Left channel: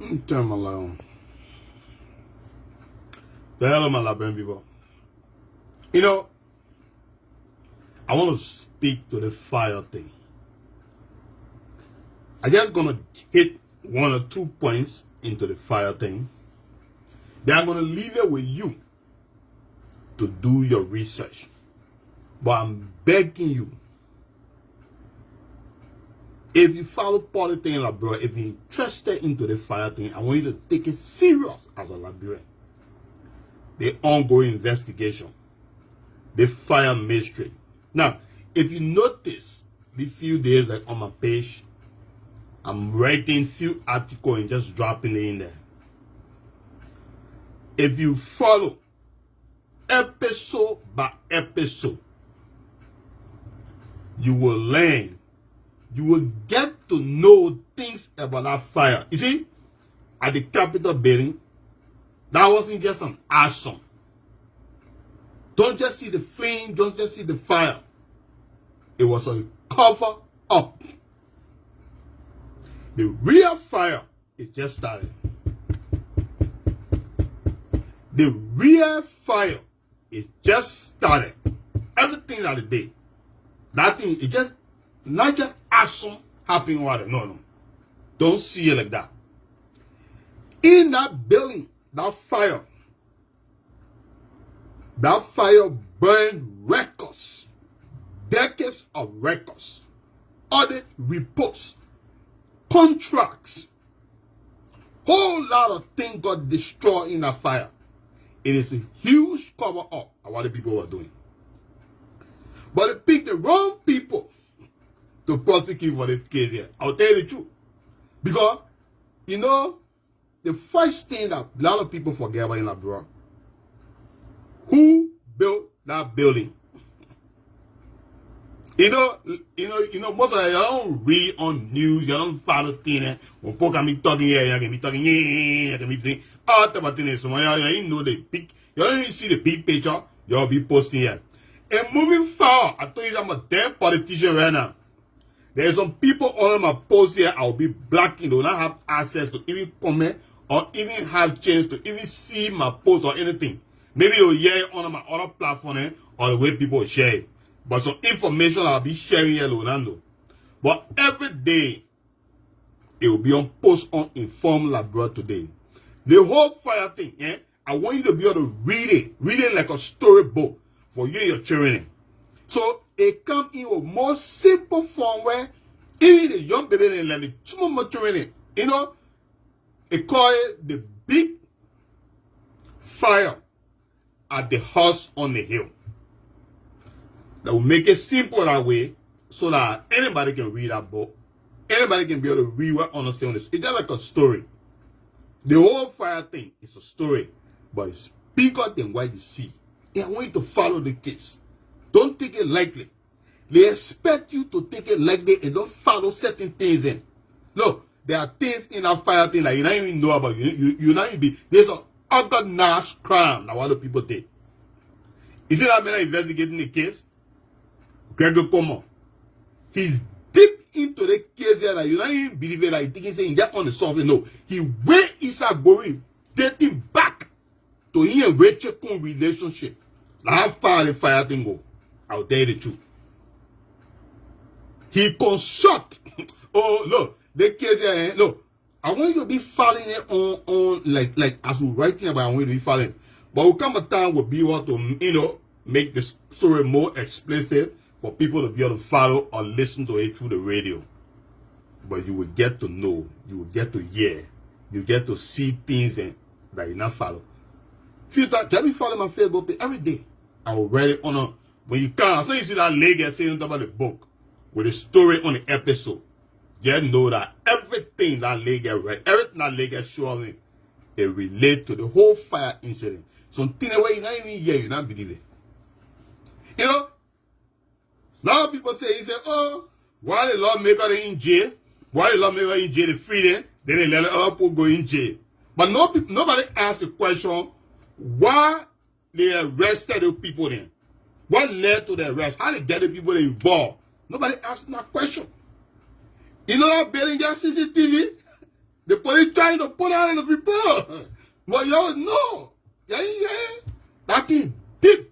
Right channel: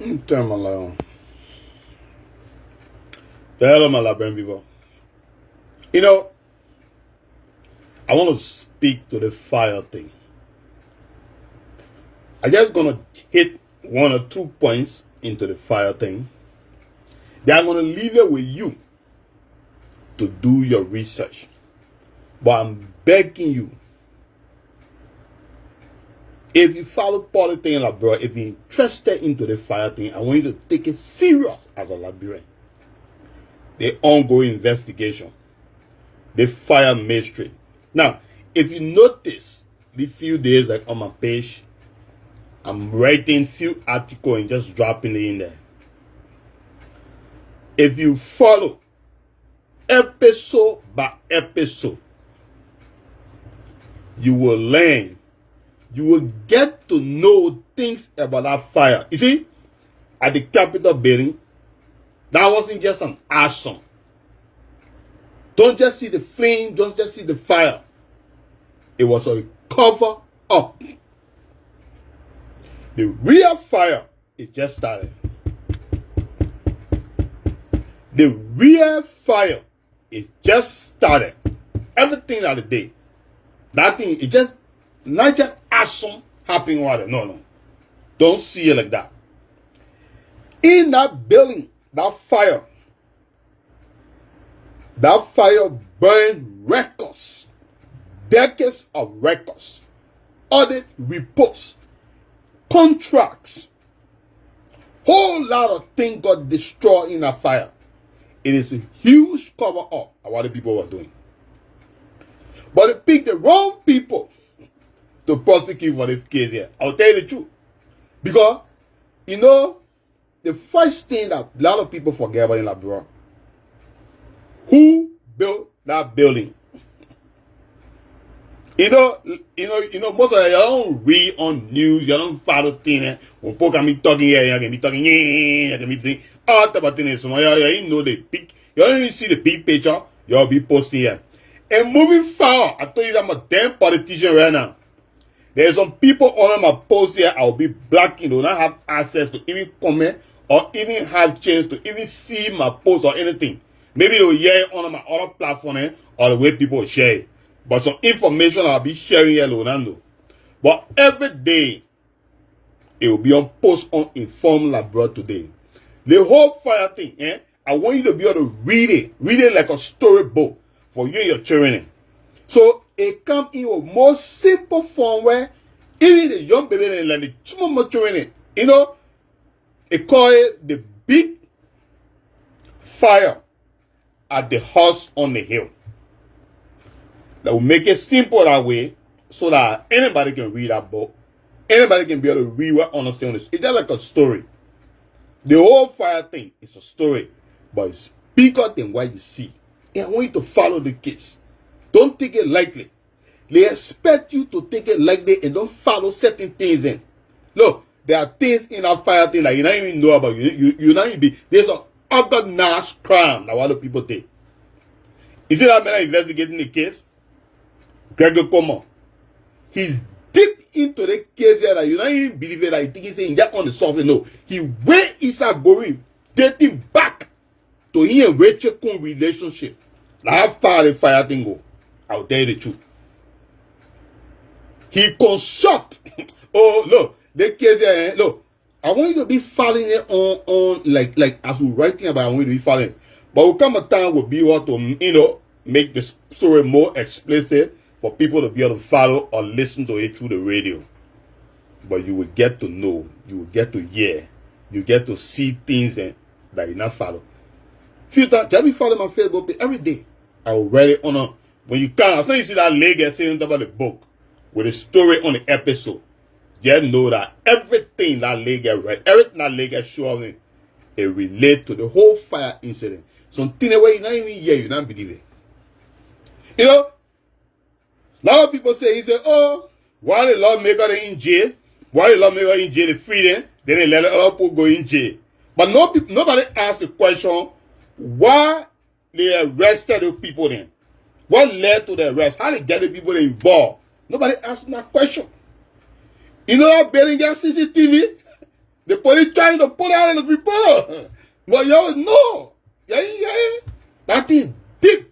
Turn my light on. The hell of my Liberian people. You know, I want to speak to the fire thing. I'm just going to hit 1 or 2 points into the fire thing. Then I'm going to leave it with you to do your research. But I'm begging you, if you follow politics in Liberia, if you're interested into the fire thing, I want you to take it serious as a Liberian. The ongoing investigation, the fire mystery. Now, if you notice, the few days like on my page, I'm writing few articles and just dropping it in there. If you follow episode by episode, you will learn. You will get to know things about that fire. You see, at the Capitol building, that wasn't just an arson. Don't just see the flame, don't just see the fire. It was a cover up. The real fire, it just started. The real fire, it just started. Everything at the day. That thing, it just, not just arson happening over there. No. Don't see it like that. In that building, that fire burned records, decades of records, audit reports, contracts. Whole lot of things got destroyed in that fire. It is a huge cover up of what the people were doing. But they picked the wrong people to prosecute for this case here. I'll tell you the truth. Because, you know, the first thing that a lot of people forget about in Liberia, who built that building? You know, most of you don't read on news, you don't follow things. When people can be talking here, you can be talking, you can be all type of things. So you know the big, you don't even see the big picture, you'll be posting here. And moving forward, I told you I'm a damn politician right now. There's some people on my post here, I'll be blocking, do not have access to even comment or even have chance to even see my post or anything. Maybe they'll hear it on my other platform or the way people share it. But some information I'll be sharing here, Leonardo. But every day, it will be on post on Inform Liberia today. The whole fire thing, I want you to be able to read it like a storybook for you and your children. So it comes in a more simple form where even the young baby and like the small children, you know, it call it the big fire at the house on the hill. That will make it simple that way so that anybody can read that book. Anybody can be able to read what understand this. It's just like a story. The whole fire thing is a story, but it's bigger than what you see. And I want you to follow the case. Don't take it lightly. They expect you to take it lightly and don't follow certain things in. Look, there are things in that fire thing that you don't even know about. You not even be. There's an organized crime that a lot of people take. Is it that man investigating the case? Gregor Como. He's deep into the case here that you don't even believe it. That you think he's saying that on the surface. No. He where is that going? Dating back to him and Rachel Coon relationship. Now how far the fire thing go? I'll tell you the truth. He consult. Oh, look, the case here, look, I want you to be following it on like as we're writing about, I want you to be following. But will come a time will be able to, you know, make the story more explicit for people to be able to follow or listen to it through the radio. But you will get to know, you will get to hear, you get to see things that you not follow. Few times, just be following my Facebook page every day. I will write it on a, when you can, as soon as you see that lady saying about the book with a story on the episode, just know that everything that lady write, everything that lady show me, it relate to the whole fire incident. Something where you not even hear, you not believe it. You know, a lot of people say, oh, why the lawmaker in jail? Why the lawmaker in jail, they free them, then they let other people go in jail. But nobody asked the question, why they arrested the people then? What led to the arrest? How they get the people involved? Nobody asked that question. You know that building got CCTV? The police trying to pull out the people. But y'all know. Yeah. That thing deep.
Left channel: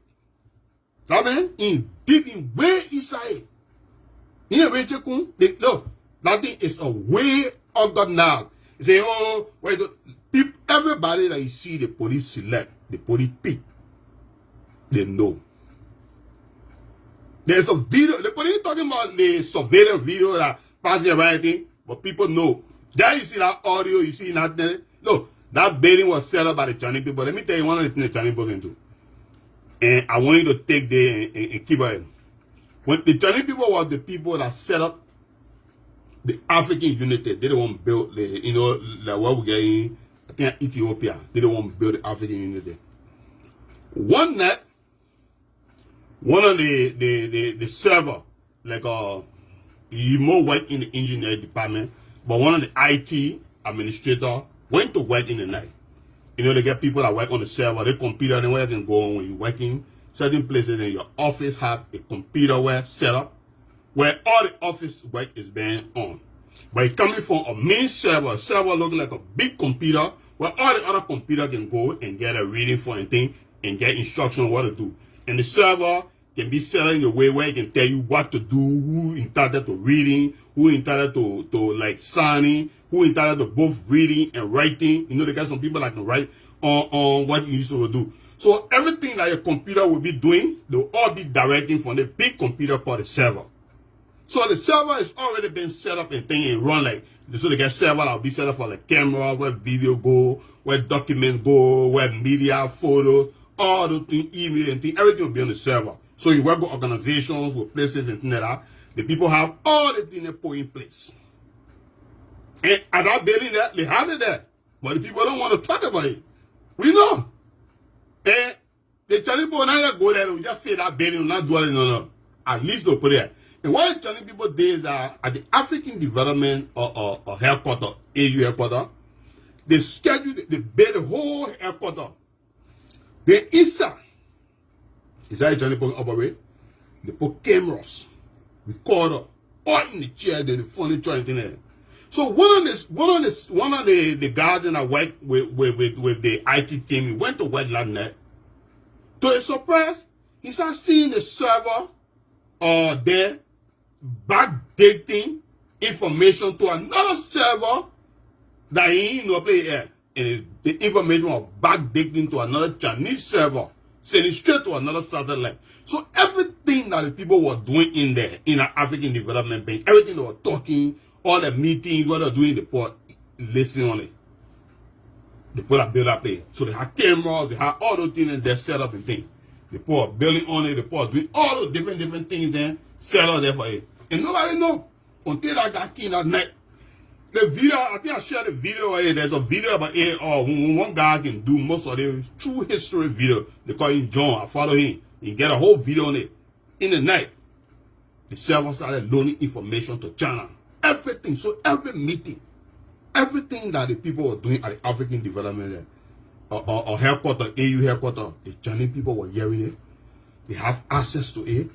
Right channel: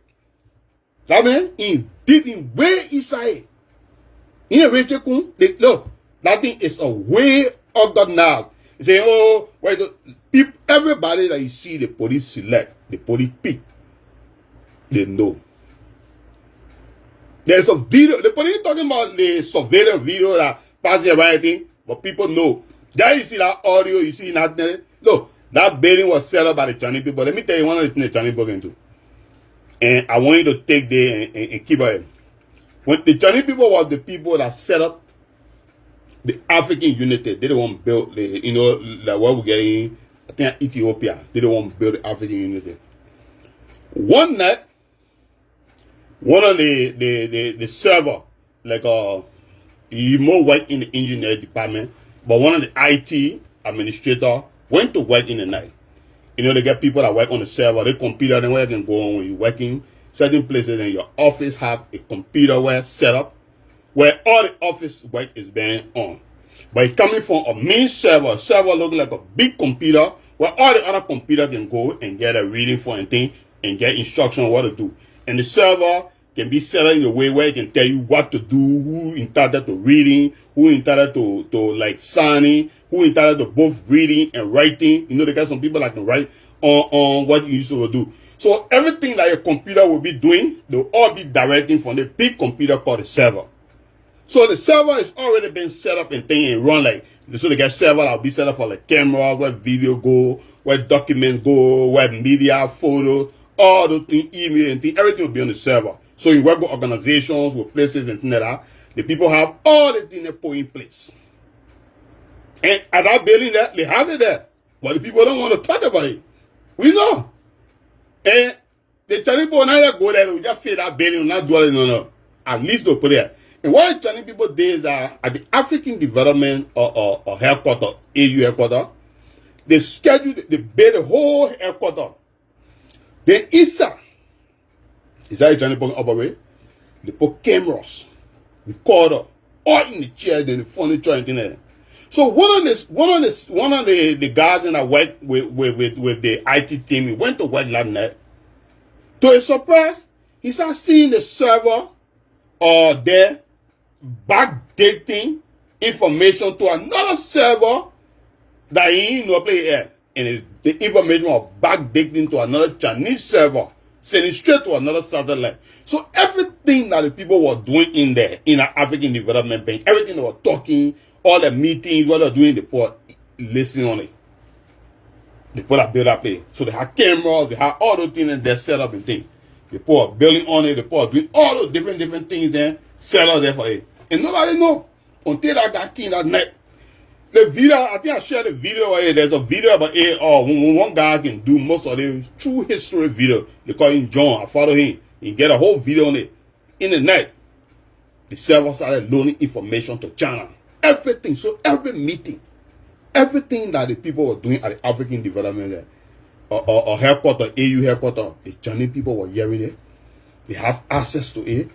That man in deep in way inside. In a way, no, that thing is a way of God now. You say, oh, wait, people, everybody that you see the police select, the police pick, they know. There's a video, the police talking about the surveillance video that passing everything, but people know. There you see that audio, you see that. No, that building was set up by the Chinese people. Let me tell you one of the things the Chinese people can do. And I want you to take there and keep it. When the Chinese people was the people that set up the African unity, they don't want to build the, like what we're getting, I think Ethiopia, they don't want to build the African unity. One night, one of the server, like he more work in the engineering department, but one of the IT administrator went to work in the night. They get people that work on the server, they computer, then where you can go on when you're working. Certain places in your office have a computer where set up, where all the office work is being on. But it's coming from a main server. Server look like a big computer where all the other computer can go and get a reading for anything and get instruction on what to do. And the server can be set up in a way where it can tell you what to do, who entitled to reading, who entitled to like signing, who entitled to both reading and writing. They got some people that can write on what you used to do. So everything that your computer will be doing, they'll all be directing from the big computer called the server. So the server is already been set up and thing and run like, so they get server that will be set up for the camera, where video go, where documents go, where media, photos, all those things, email and things, everything will be on the server. So you work with organizations, with places and things like that. The people have all the things they put in place. And at that building there, they have it there. But the people don't want to talk about it. We know. And the Chinese people now go there, they just feel that building, not dwelling on it. At least they'll put it. And what the Chinese people did is that at the African Development or headquarters, AU headquarters, they scheduled, they built the whole headquarters. Then ISA, is that the Chinese people operate? They put cameras, recorder, all in the chair, then the furniture and things like that. So one of the guys that work with the IT team, he went to work last night. To his surprise, he started seeing the server there backdating information to another server that he didn't play here. And the information was backdating to another Chinese server, sending straight to another satellite. So everything that the people were doing in there, in the African Development Bank, everything they were talking, all the meetings, what they're doing, they put listening on it. They put a build up there. So they have cameras, they have all those things and they're set up and things. They put a building on it, they put doing all those different things there, set up there for it. And nobody know until that guy came that night. The video, I think I shared the video. There's a video about it. When one guy can do most of the true history video. They call him John. I follow him. He get a whole video on it. In the night, the server started loaning information to China. Everything. So every meeting, everything that the people were doing at the African Development or headquarters, AU headquarters, the Chinese people were hearing it. They have access to it.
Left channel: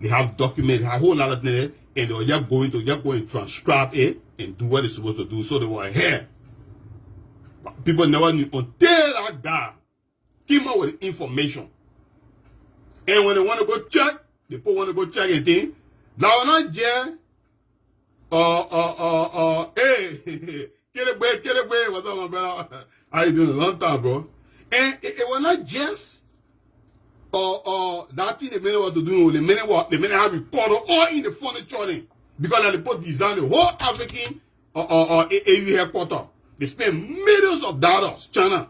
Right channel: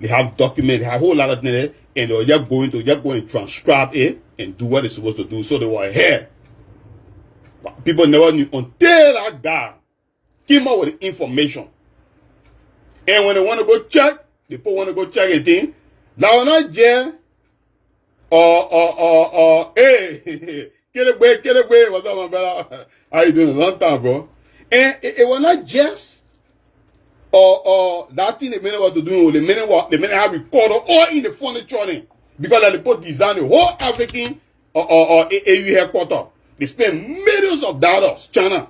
They have documents. They have a whole lot of things. And they were just going to transcribe it and do what they're supposed to do. So they were here. But people never knew until that guy came out with the information. And when they want to go check, the people want to go check and think, now we're not jail. Hey, get away. What's up, my brother? How you doing? A long time, bro. And it was not just that thing the minute what to do, the minute have recorded all in the furniture because they put design the whole African AU headquarters. They spend millions of dollars. China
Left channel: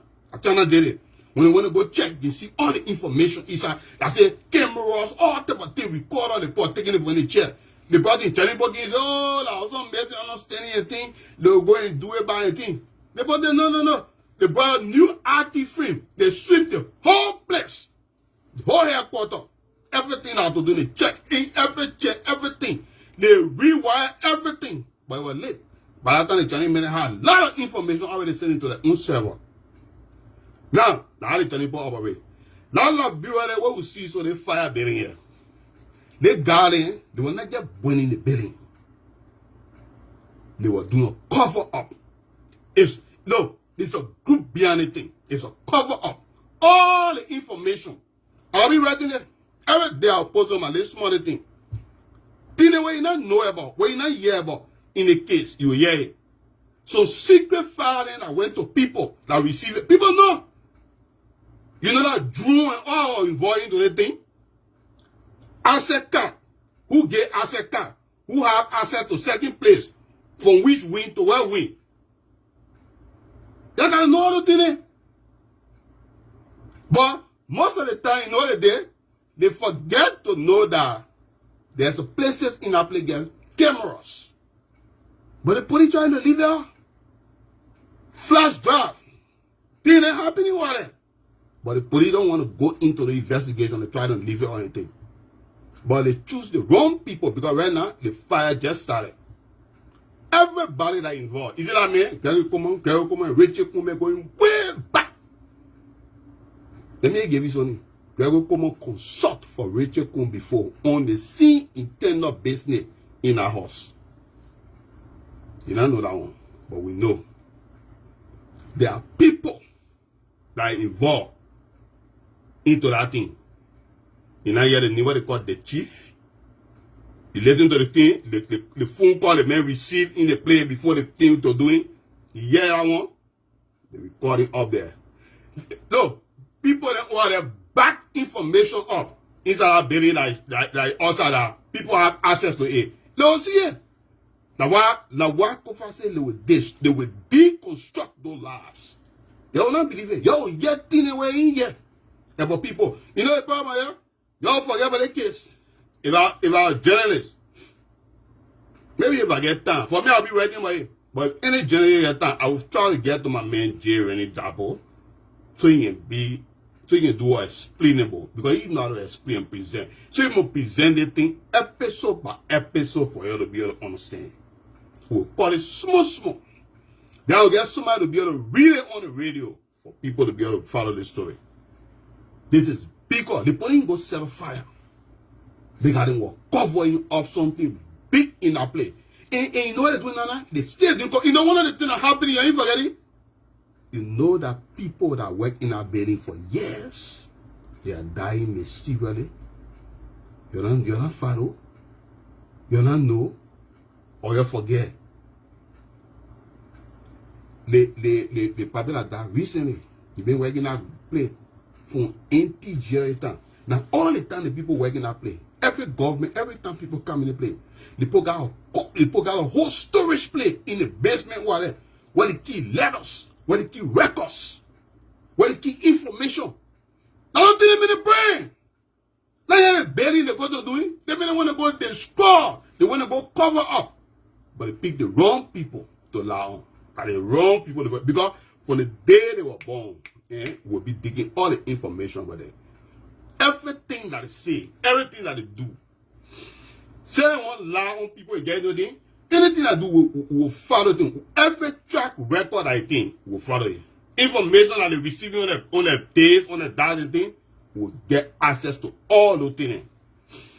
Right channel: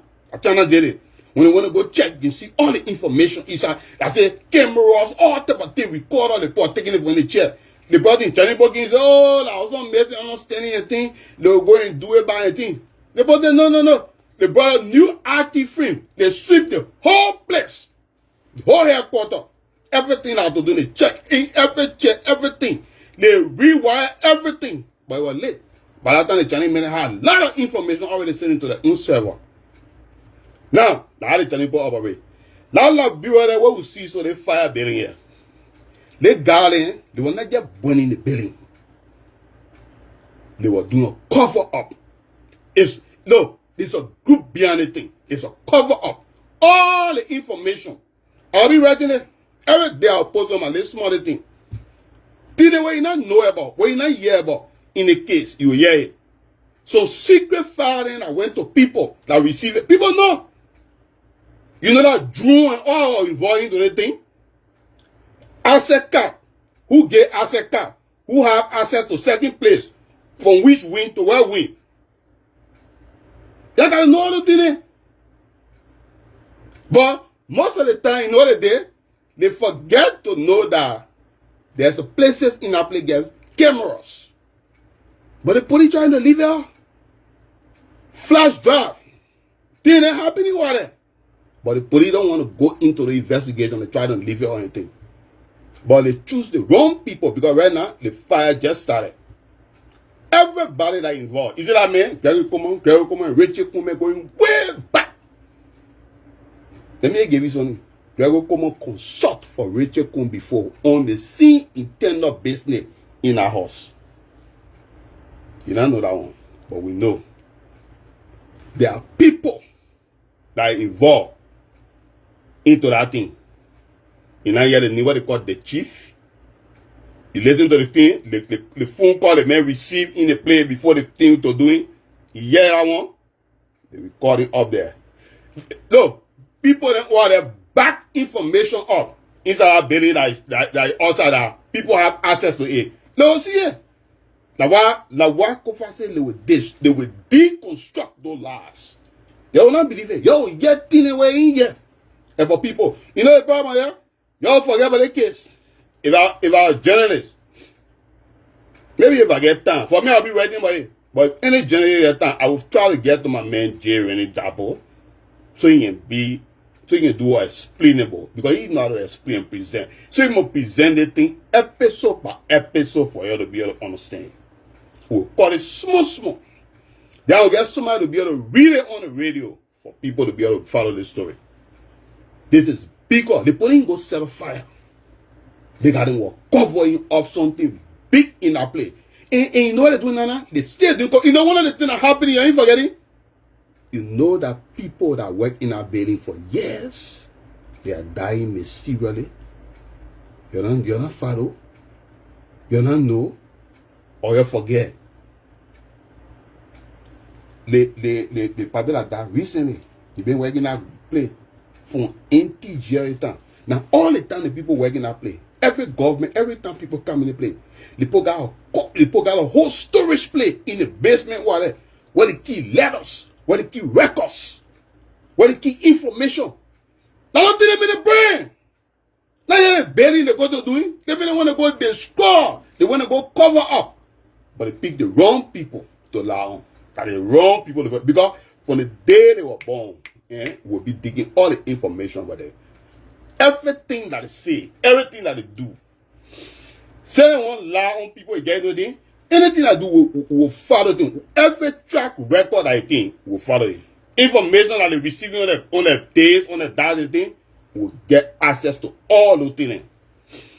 did it. When they want to go check, you see all the information inside. I say cameras, all type of thing, recorder, they put taking it from the chair. They brought in Chinese bookings, that was some amazing understanding and thing. They'll go and do it by a thing. They brought them, no. They brought a new active frame. They sweep the whole place. The whole headquarters, everything I had to do, they check in everything. They rewire everything. But it was late. By that time, the Chinese men had a lot of information already sent into their own server. Now, how the Chinese people operate. Now, Liberian, what we see, so they fire building here. They got in, they were not just burning the building. They were doing a cover up. It's a group behind the thing. It's a cover up. All the information. I'll be writing it. Every day I'll post on my little small thing. Thing where you not know about, where you not hear about in the case, you hear it. So secret filing, I went to people that receive it. People know. You know that Drew and all involved into the thing? Asset card. Who get asset card? Who have access to certain place? From which win to where win? They gotta know all the thing. But most of the time, you know what they forget to know that there's places in our place get cameras. But the police trying to leave it. Flash drive. Thing ain't happening with it. But the police don't want to go into the investigation and try to leave it or anything. But they choose the wrong people because right now the fire just started. Everybody that involved. Is it that man? Gary Coleman, Richard Coleman going way back. Let me give you something. Gary Coleman consult for Richard Coleman before on the scene internal business in our house. You don't know that one, but we know. There are people that are involved into that thing. You know, hear the name what they call the chief. You listen to the thing, the phone call the man received in the play before the thing to doing. You hear that one? They record it up there. No, people that want to back information up inside our building that also that people have access to it. No, see it. Now why Kofa say they will deconstruct those lies. They will not believe it. Yo, get in the way in here. About people. You know the problem here? Y'all forget about the case. If I was a journalist, maybe if I get time, for me I'll be writing about it. But any journalist time, I will try to get to my man Jerry and Dabo so he can do explainable. Because he know how to explain and present. So he must present the thing episode by episode for you to be able to understand. We'll call it small. Then I'll get somebody to be able to read it on the radio for people to be able to follow this story. This is because the police go set a fire. They got to covering up something big in our place. And you know what they're doing now? They still do. You know one of the things that happened, you ain't forgetting? You know that people that work in our building for years, they are dying mysteriously. You're not follow. You're not know. Or you forget. The people that died recently, they've been working at play for NTG time. Now all the time the people working at play, every government, every time people come in the play, they put out a whole storage plate in the basement where they keep letters, where they keep records, where they keep information. Now don't think them in the brain. Now you're burying the go to doing. They want to go destroy. They want to go cover up. But they pick the wrong people to allow on. And the wrong people to go. Because from the day they were born, we'll be digging all the information about them. Everything that they say, everything that they do. Say they want to lie on people again, anything I do will follow them. Every track record I think will follow it. Information that they receiving on the days, on the days, thing, will get access to all those things.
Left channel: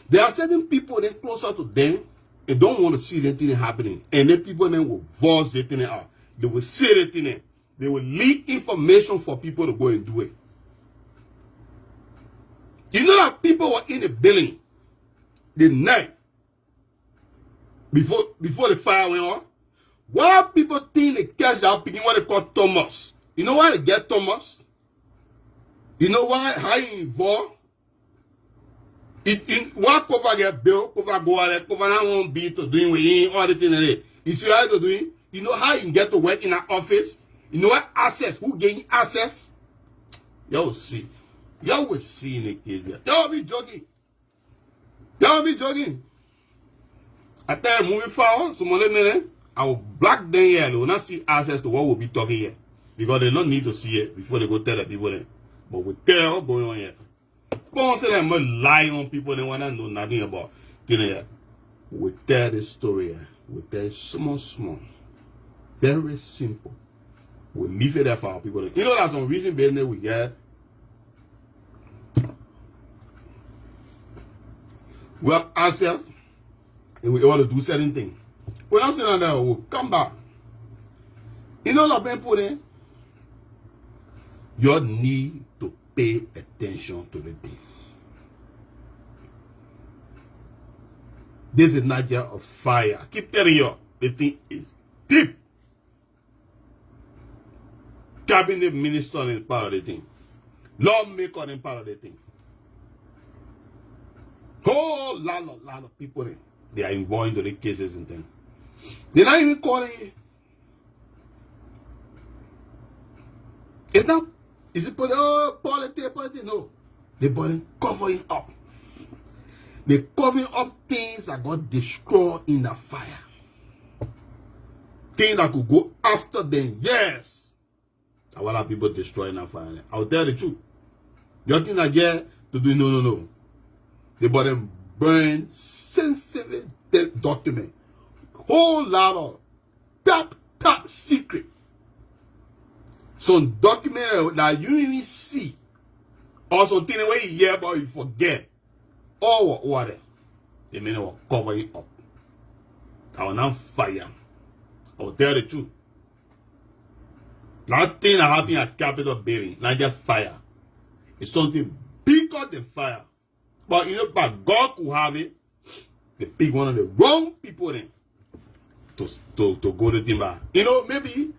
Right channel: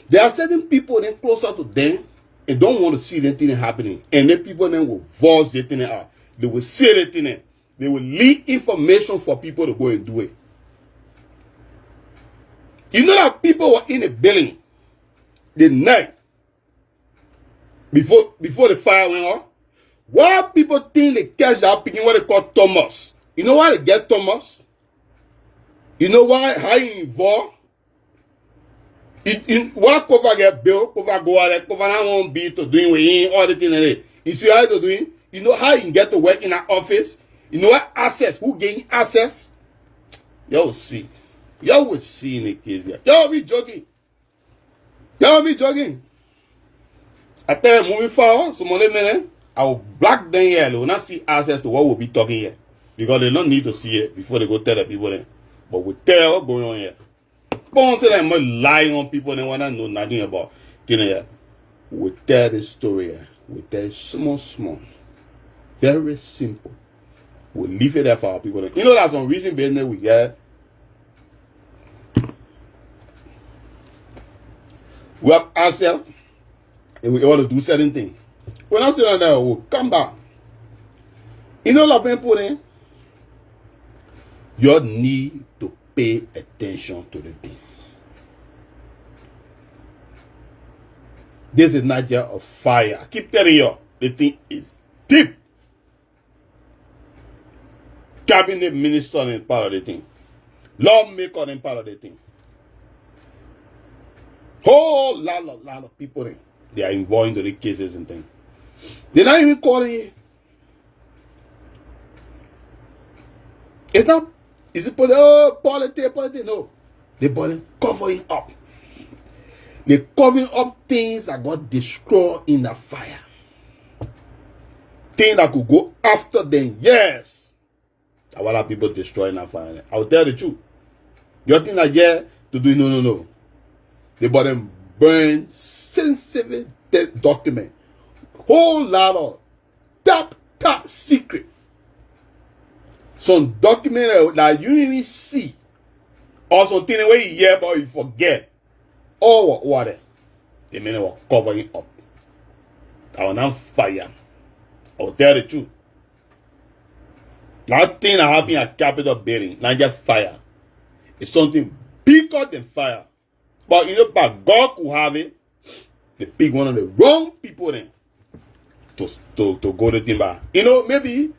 There are certain people then closer to them and don't want to see anything happening. And then people then will voice the thing out. They will say the thing. They will leak information for people to go and do it. You know that people were in the building the night before the fire went on? Why people think they catch that picking what they call Thomas? You know why they get Thomas? You know why? How he involved? Why cover get bill, cover go out there, cover not won't be to doing with him, all the things like that. You see how to doing? You know how he can get to work in an office? You know what access? Who gain access? Y'all will see. Y'all will see in the case here. Y'all be joking. Y'all be joking. I tell you, moving forward, some other minute, I will black them here. They will not see access to what we'll be talking here. Because they don't need to see it before they go tell the people then. But we tell what's going on here. Don't say that I'm lying on people and want to know nothing about things here. We tell this story here. We tell it small. Very simple. We'll leave it there for our people. You know that's some reason business we get. We have ourselves and we want to do certain things. When I sit down there, we'll come back You know what I'm putting? You need to pay attention to the thing. This is not just a fire. I keep telling you, the thing is deep. Cabinet minister is part of the thing. Lawmaker is part of the thing. Whole lot of people there. They are involved into the cases and things. They're not even calling it. It's not, is it politics? No. They're covering up. They're covering up things that got destroyed in the fire. Things that could go after them. Yes. A lot of people destroying that fire. I will tell the truth. You think that to do no. They burn sensitive document. Whole lot of top secret. Some document that you even see. Or something where you hear but you forget. Or what? The men were covering up. I was on fire. I will tell the truth. That thing that happened at Capitol building, not just fire. It's something bigger than fire. But you know, but God could have it. They pick one of the wrong people then to go to timber. You know, maybe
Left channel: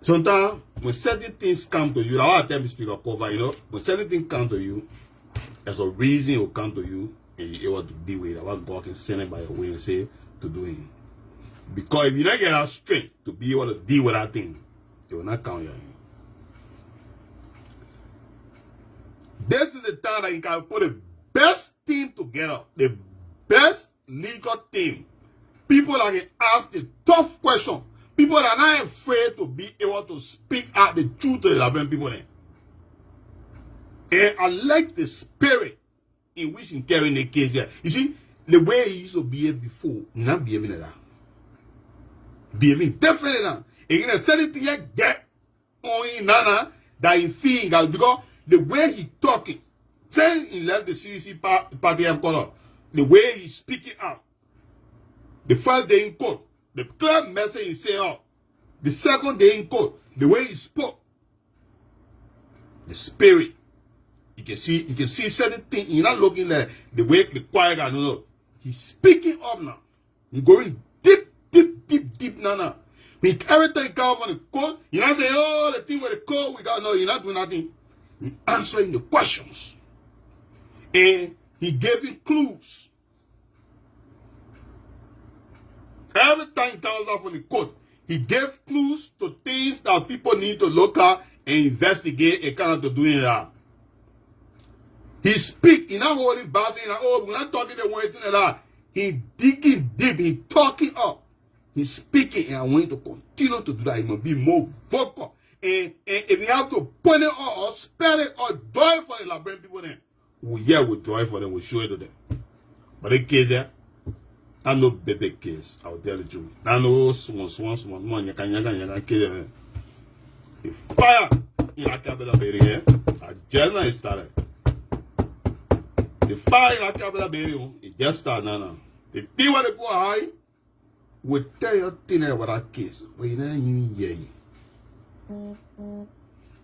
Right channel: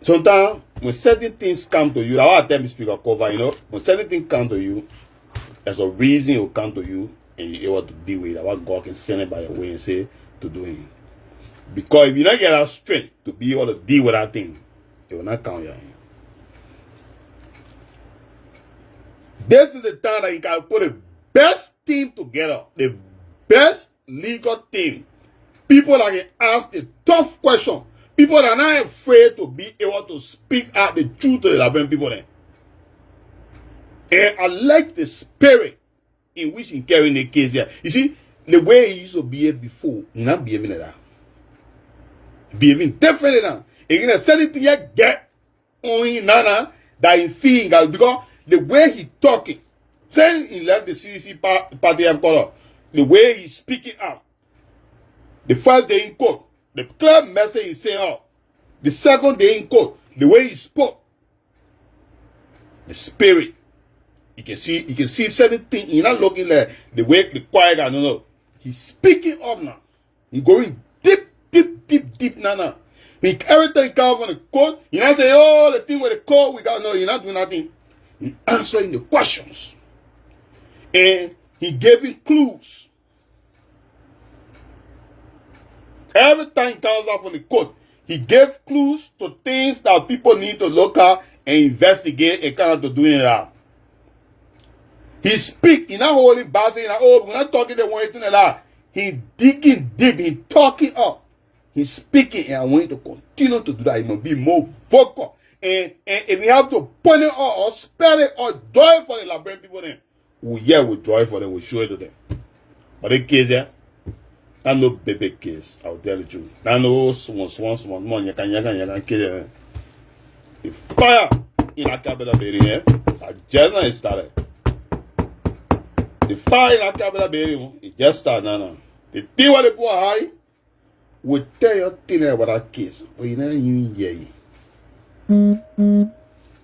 sometimes when certain things come to you, that's why I tell me speak of cover, you know, when certain things come to you, there's a reason it will come to you and you're able to deal with it. That's why God can send it by your way and say to do it. Because if you don't get that strength to be able to deal with that thing, it will not count your hand. This is the time that you can put the best team together, the best legal team. People that can ask the tough question. People that are not afraid to be able to speak out the truth to the Liberian people then. And I like the spirit in which he carrying the case here. You see, the way he used to behave before, he's not behaving like that. Behaving differently now. He's going to say it here, get on him now, that he feeling, because the way he talking, saying he left the CDC party of color, the way he's speaking out, the first day in court, the clear message he's saying out, the second day in court, the way he spoke, the spirit, you can see certain things. He's not looking like the way the quiet guy, no. He's speaking up now. He's going deep now. When everything comes from the court, you're not saying, oh, the thing with the court, we got, no, you're not doing nothing. He's answering the questions. And he gave him clues. Every time he comes out from the court, he gave clues to things that people need to look at and investigate and kind of to doing that. He speak, he's not holding back, saying, oh, we're not talking the one thing like that. He digging deep, he talking up. He's speaking, and I want you to continue to do that. He must be more vocal. And if you have to point it out or spell it or draw it for the Liberian people, then we'll draw it for them, we'll show it to them. But the case here, that's no baby case, I'll tell the truth. That's no small, you can kill it. The fire in a capital building here, just now it started. The fire in a capital building, it just started now. The thing what they put high, will tell you thing about that case, but you don't even hear it.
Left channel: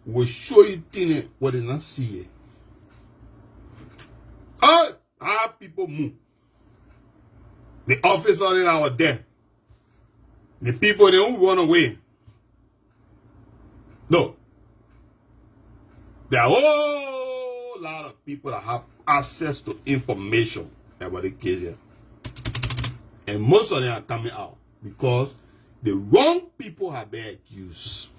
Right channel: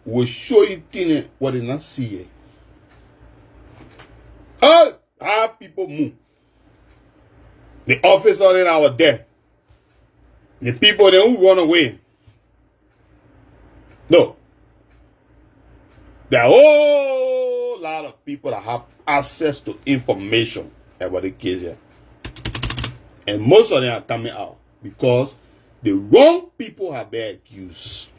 We'll show you things what they not see it. All our people move. The officers in our death. The people then who run away. No. There are a whole lot of people that have access to information about the case here. And most of them are coming out because the wrong people have been accused.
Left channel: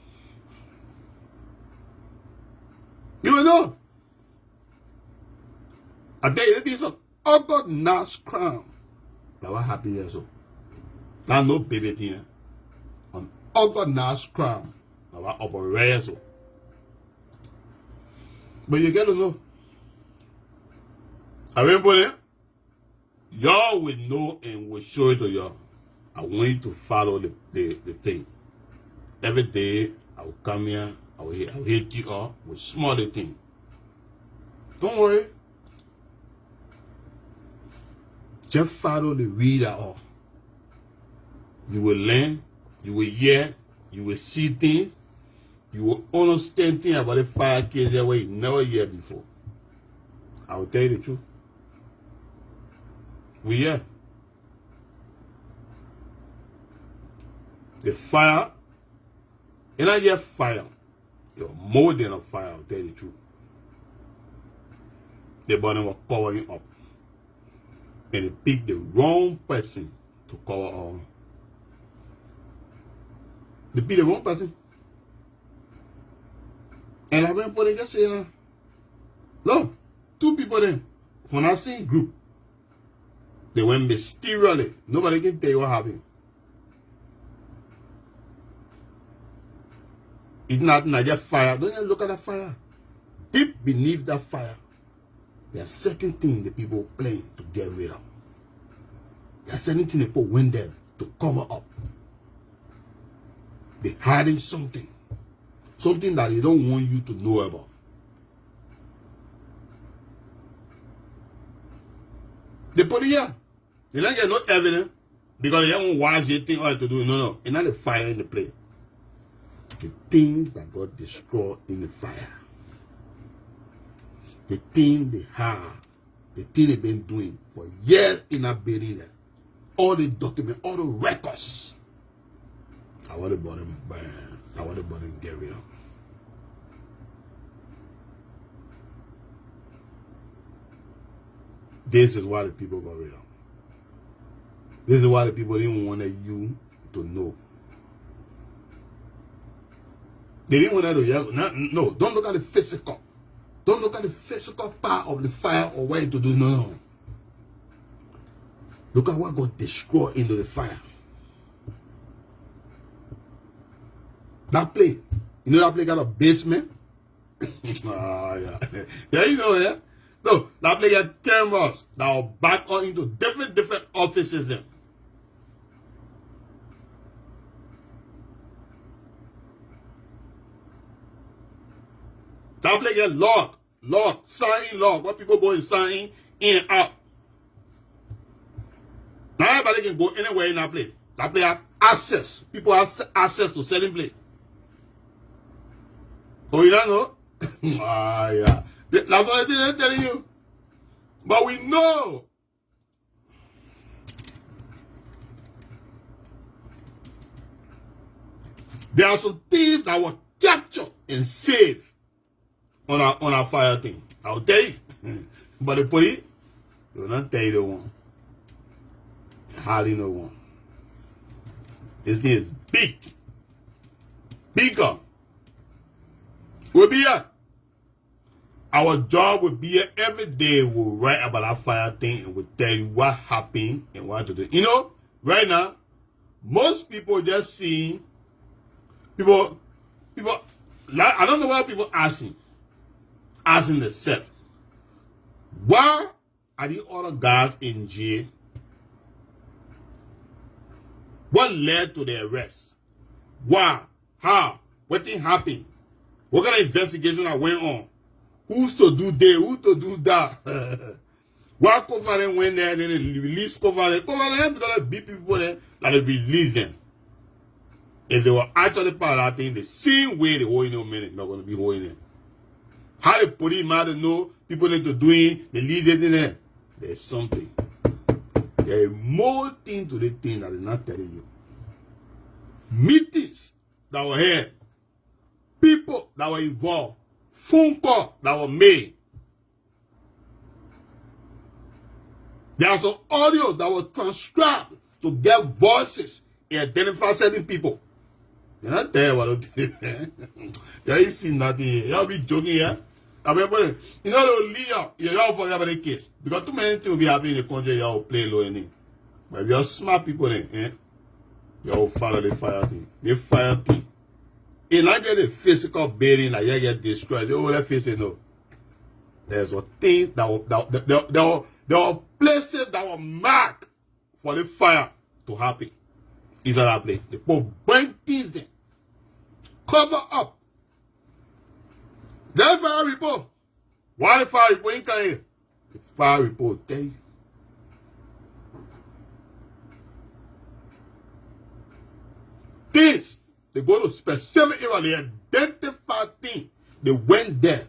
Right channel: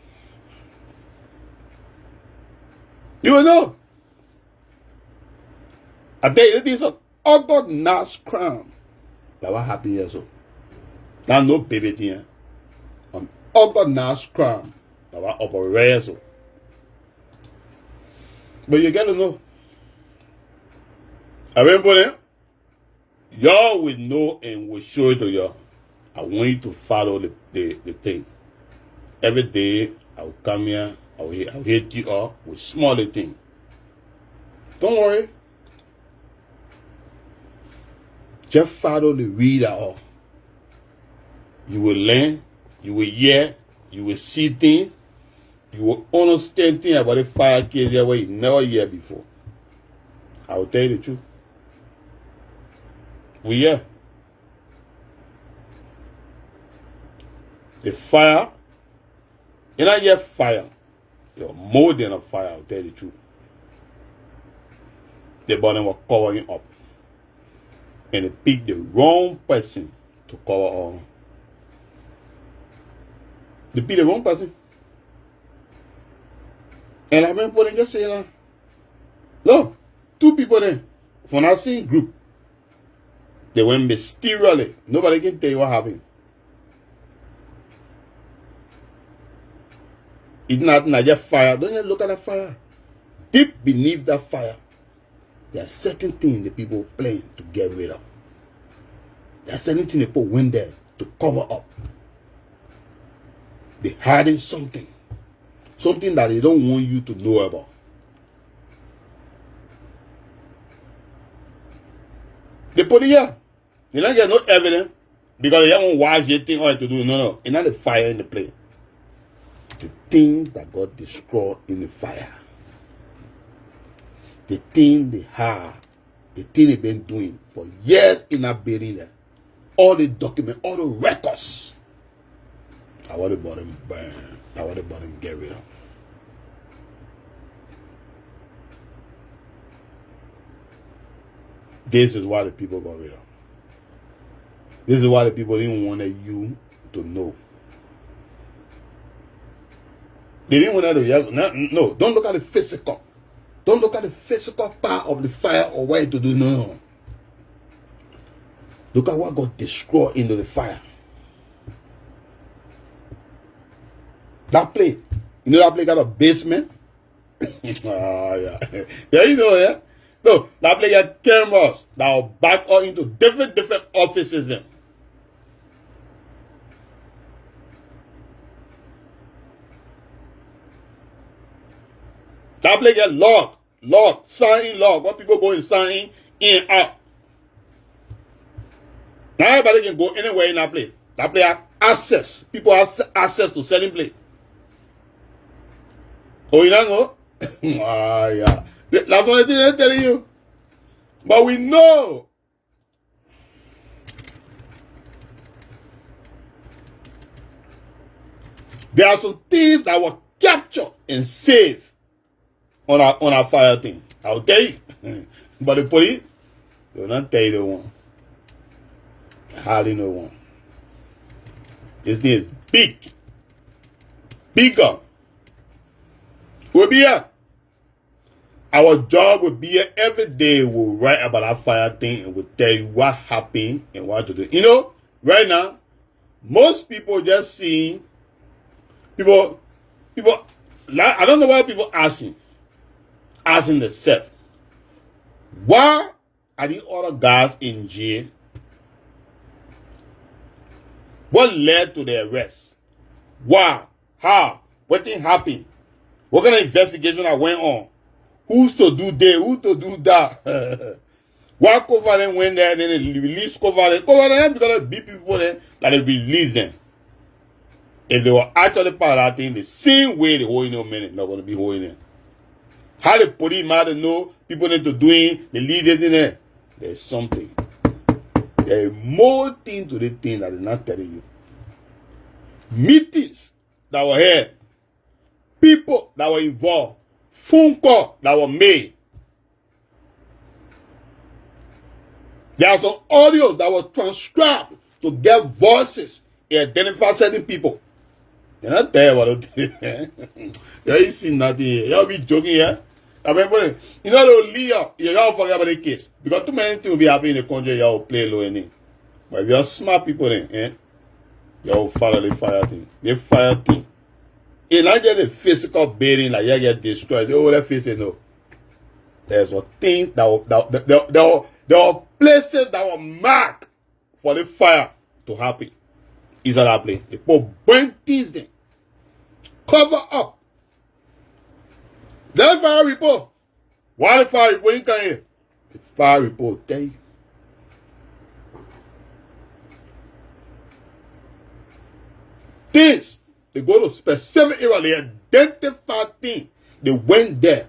You will know. I tell you, this is an organized crime. That what happened here, so. That's no baby thing. An organized crime. That what operate so. But you got to know. Everybody, y'all will know and will show it to y'all. I want you to follow the thing. Every day, I will come here, I will hit you up with small things. Don't worry. Just follow the reader off. You will learn, you will hear, You will see things. You will understand things about the fire case where you never hear before. I will tell you the truth. We hear. The fire, you don't hear fire. You're more than a fire, I'll tell you the truth. The body was covering up. And they picked the wrong person to cover all. They picked the wrong person. And I remember they just saying, look, 2 people there from that same group. They went mysteriously. Nobody can tell you what happened. It's not just fire. Don't you look at the fire? Deep beneath that fire, there are certain things the people plan to get rid of. There are certain things the people went there to cover up. They're hiding something. Something that they don't want you to know about. They put it here. They don't get no evidence because they haven't watched anything or to do. No. It's not the fire in the place. The things that got destroyed in the fire. The thing they have. The thing they've been doing for years in that building there. All the documents, all the records. I want the bottom burn. I want the bottom get rid of. This is why the people got rid of. This is why the people didn't want you to know. They didn't want to hear. No, don't look at the physical. Don't look at the physical part of the fire or what to do. No. Look at what got destroyed into the fire. That place. You know that place got a basement? Yeah. There you go, yeah? No, that place had cameras that will back up into different offices then. That place get locked, sign lock. What people go and sign in and out. Now everybody can go anywhere in that place. That place have access. People have access to certain place. Oh, you don't know? Yeah. That's what they're telling you. But we know. There are some things that were captured and saved on our fire thing. I'll tell you. But the police, they will not tell you the one. Hardly no one. This thing is big. Bigger. We'll be here. Our job will be here every day. We'll write about that fire thing and we'll tell you what happened and what to do. You know, right now, most people just seeing people. I don't know why people asking themselves, why are the other guys in jail? What led to their arrest? Why? How? What thing happened? What kind of investigation that went on? Who's to do this? Who to do that? Why cover them went there and then they release cover them? Cover them because they beat people there that they release them. If they were actually part of that thing, the same way they hold in a minute, not going to be holding it. How the police matter know people need to doing the leaders in there. There's something. There is more thing to the thing that they're not telling you. Meetings that were held. People that were involved. Phone calls that were made. There are some audios that were transcribed to get voices and identify certain people. They're not there what they do. You ain't seen nothing here. Y'all be joking here. I remember, you know, they'll leave y'all forget about the case. Because too many things will be happening in the country, y'all play low in it. But if you're smart people then, y'all follow the fire thing. The fire thing. It's not just a physical building like you get destroyed. Oh, that face no. There's a things there were places that were marked for the fire to happen. Is that that place? They put burn things there. Cover up. That fire report. Why the fire report in here? The fire report tell you. Things They go to specific area. They identify things. They went there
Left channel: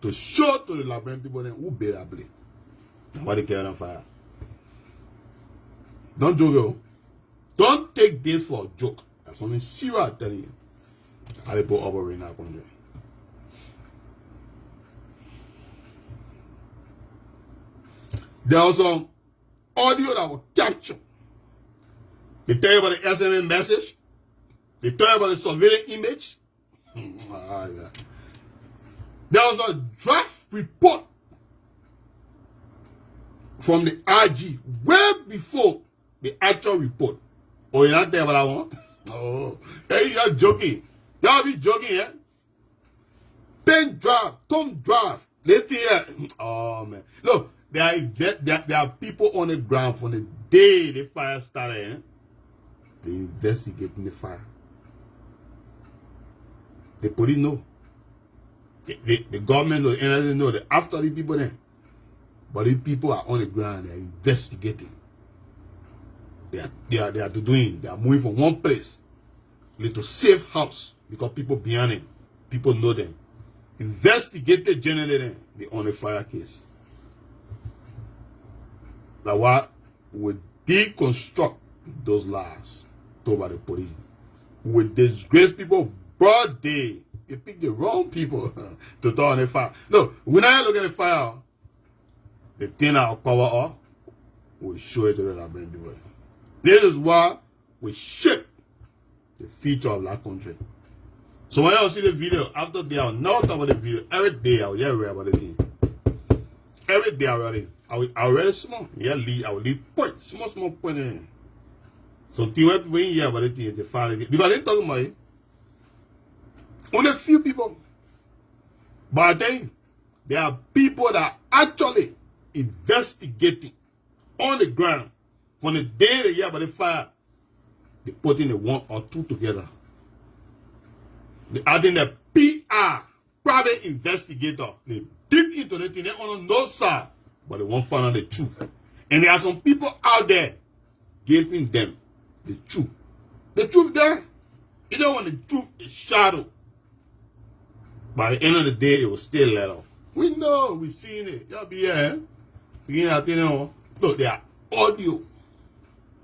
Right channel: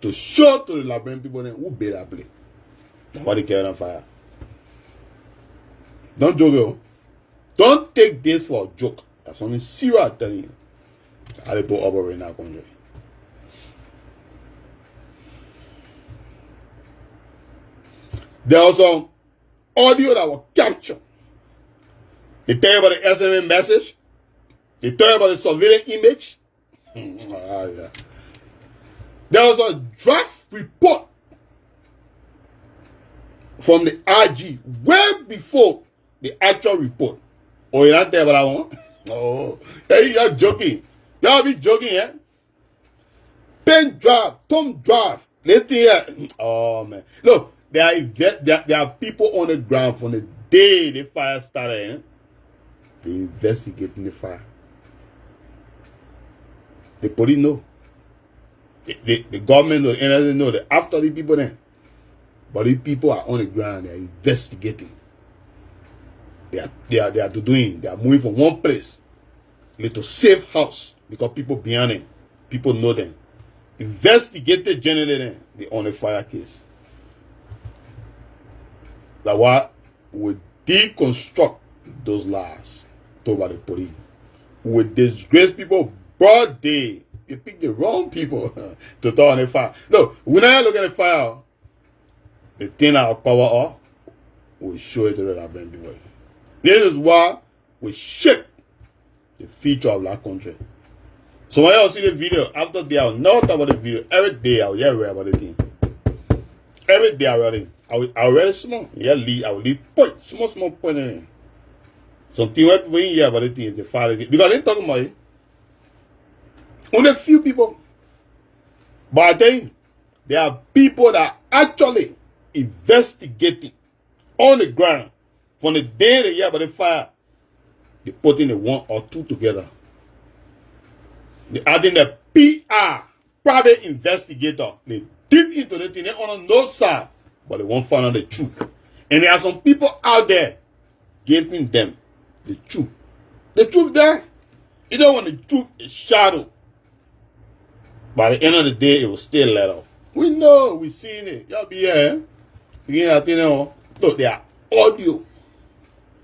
to show to the Liberian people who built that place. That's why they carry on fire. Don't joke, yo. Don't take this for a joke. That's only serious, I'm telling you. How they put operate in our country. There was some audio that was captured. They tell you about the SMS message. They tell you about the surveillance image. Yeah. There was a draft report from the IG way before the actual report. Oh, you're not there about that one? Oh, hey, you're joking. Y'all be joking, yeah? Pen draft, thumb draft. Let's hear. Oh, man. Look, there are people on the ground from the day the fire started. Eh? They investigating the fire. The police know. The government know. And they know that after the people then. But the people are on the ground. They are investigating. They are doing. They are moving from one place to safe house because people behind them. People know them. Investigated generally. They on a fire case. That's why we deconstruct those lies told by the police. We disgrace people broad day. They pick the wrong people to talk on the fire. No, when I look at the fire, the thing our power off, we show it to the Liberian people. This is why we shape the future of that country. So when I see the video, after they are not about the video, every day I will hear about the thing. Every day I will read small. Yeah, I will leave point, small point in it. Something when you hear about the thing, the fire again. Because they talking about it. Only a few people. But I think there are people that are actually investigating on the ground from the day they hear about the fire. They put in the one or two together. They adding the PR, private investigator. They deep into the thing. They on no side, but they won't find out the truth. And there are some people out there giving them the truth. The truth there, you don't want the truth is shadow. By the end of the day, it will still let off. We know, we seen it. Y'all be here. You know, look, there are audio.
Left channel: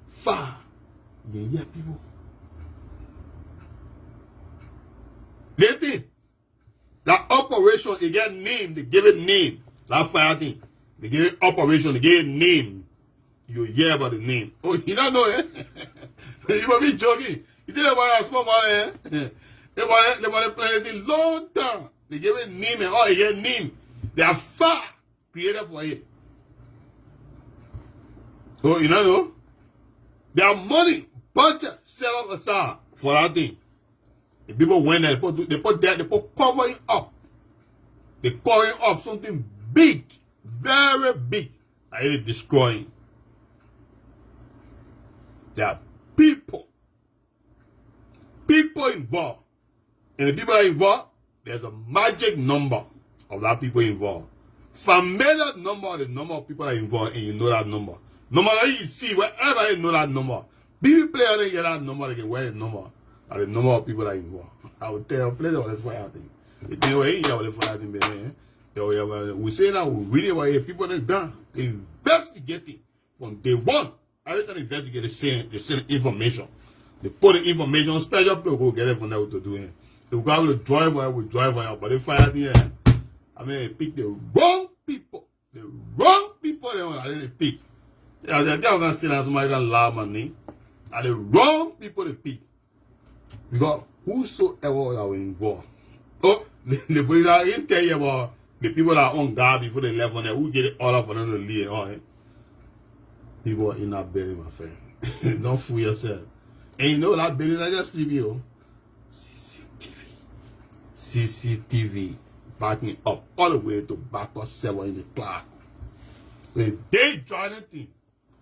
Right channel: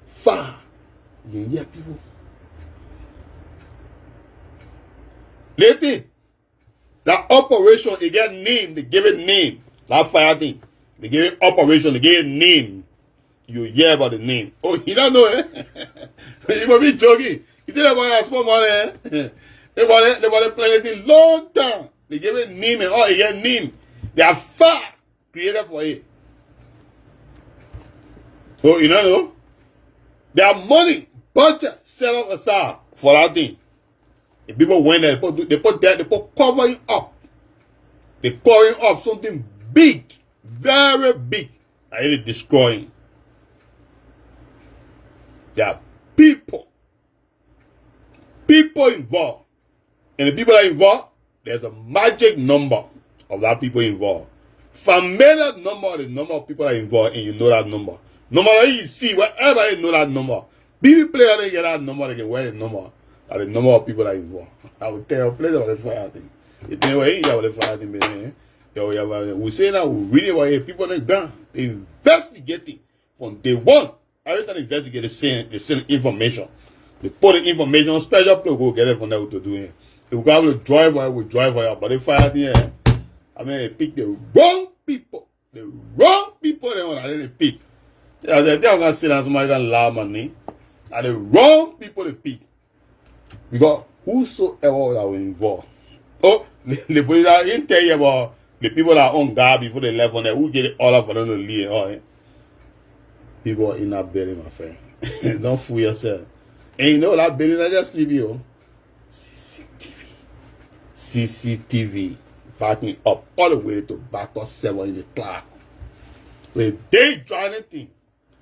Fire. You hear people. Lately, that operation, they get name, they give it name. That fire thing. They give it operation, they give it name. You hear about the name. Oh, you don't know, eh? You must be joking. You didn't want to small money, eh? They want to play anything long time. They give it name and all, they get name. They are fire created for it. So, you know, there are money, budget set up aside for that thing. The people went there, they put covering up. They covering up something big, very big, and it is destroying. There are people involved. And the people that are involved, there's a magic number of that people involved. Familiar number, the number of people that are involved, and you know that number. No matter you see, wherever you know that number, BB player they get that number, they can wear the number. And the number of people that are involved. I will tell you, play about the fire thing. You think where you have the fire thing, we say that we really want to people on the ground. They investigating from day one. Every time they investigate, they send information. They put the information on special plug, go get it from there to do it. They will go to drive out, but they fire thing. I mean, they pick the wrong people. The wrong people they want, and then they pick. They're going to sit down, somebody can laugh at me. And the wrong people they pick. Because whosoever that were involved. Oh, the police didn't tell you about the people that are on guard before they left on there. Who get it all up for them to leave? Oh, eh? People in that building, my friend. Don't fool yourself. And you know that building, I just leave you. CCTV. Backing up all the way to backup 7 in the clock. When they try anything,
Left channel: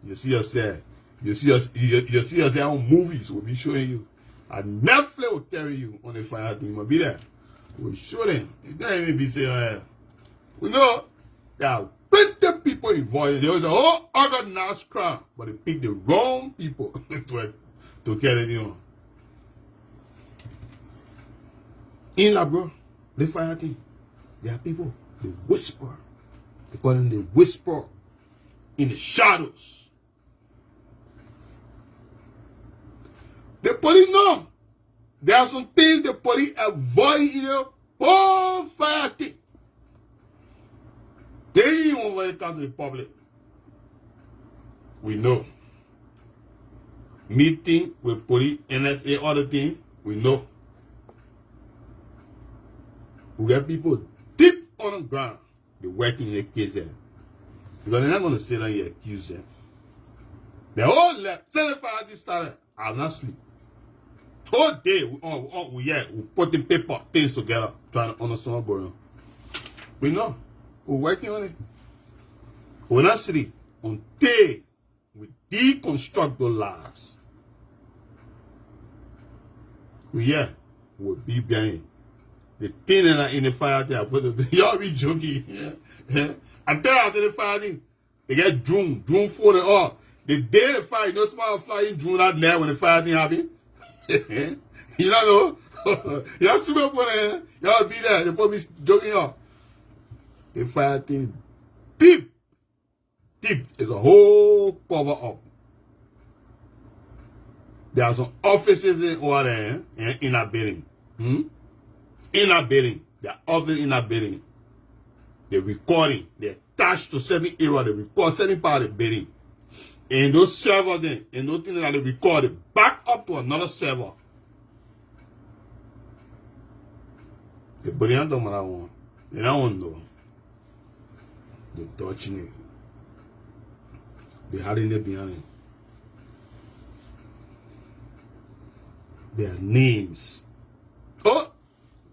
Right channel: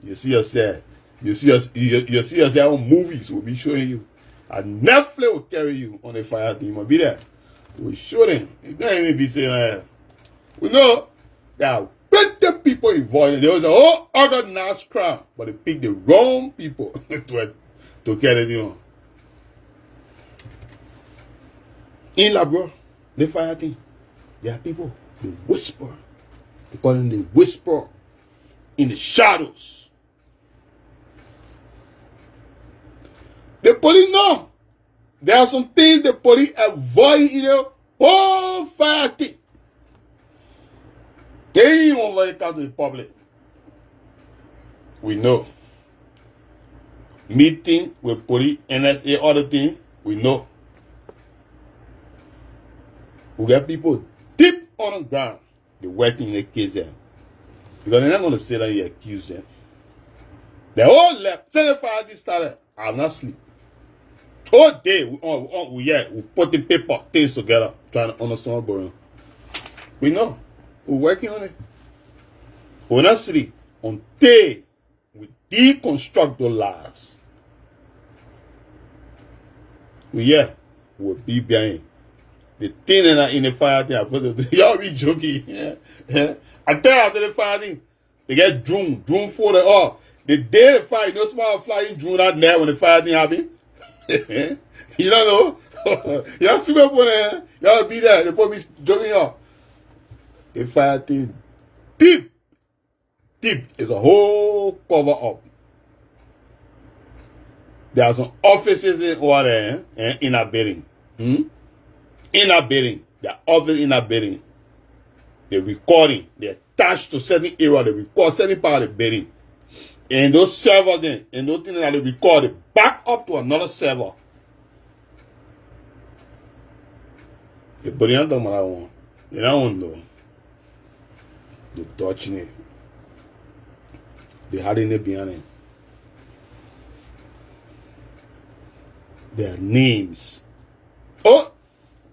you see yourself. You see yourself on movies will be showing you. And Netflix will carry you on the fire team. Will be there. We'll show them. It don't even be saying, we know there are plenty of people involved. There was a whole other nice crowd, but they picked the wrong people to carry it on. In Labrador, they fire thing. There are people, they whisper. They call them the whisper in the shadows. The police know. There are some things the police avoid in the whole fire thing. They ain't want to come to the public. We know. Meeting with police, NSA, other things, we know. We get people deep on the ground. They're working in the case there. Because they're not going to sit down and accuse them. They all left. 75 this started. I'll not sleep. All day, we put the paper, things together, trying to understand what's going on. We know. We're working on it. We're not sleep until we deconstruct the lies. We'll be behind. The thing in the fire thing, I put it, y'all be joking. Yeah. I tell you, the fire thing, they get drone for the all. The day the fire, you know, somebody flying drone out there when the fire thing happen. You don't know? Y'all super up on there. Y'all be there. They probably joking y'all. The fire thing, deep is a whole cover up. There are some offices in order in a building. In a building. There are offices in a building. They're recording. They're attached to certain area. They record certain part of the building. And those servers then, and those things that they record, they back up to another server. The body don't know what I want. They don't want to know. They're touching it. They're hiding it behind it. Their names. Oh,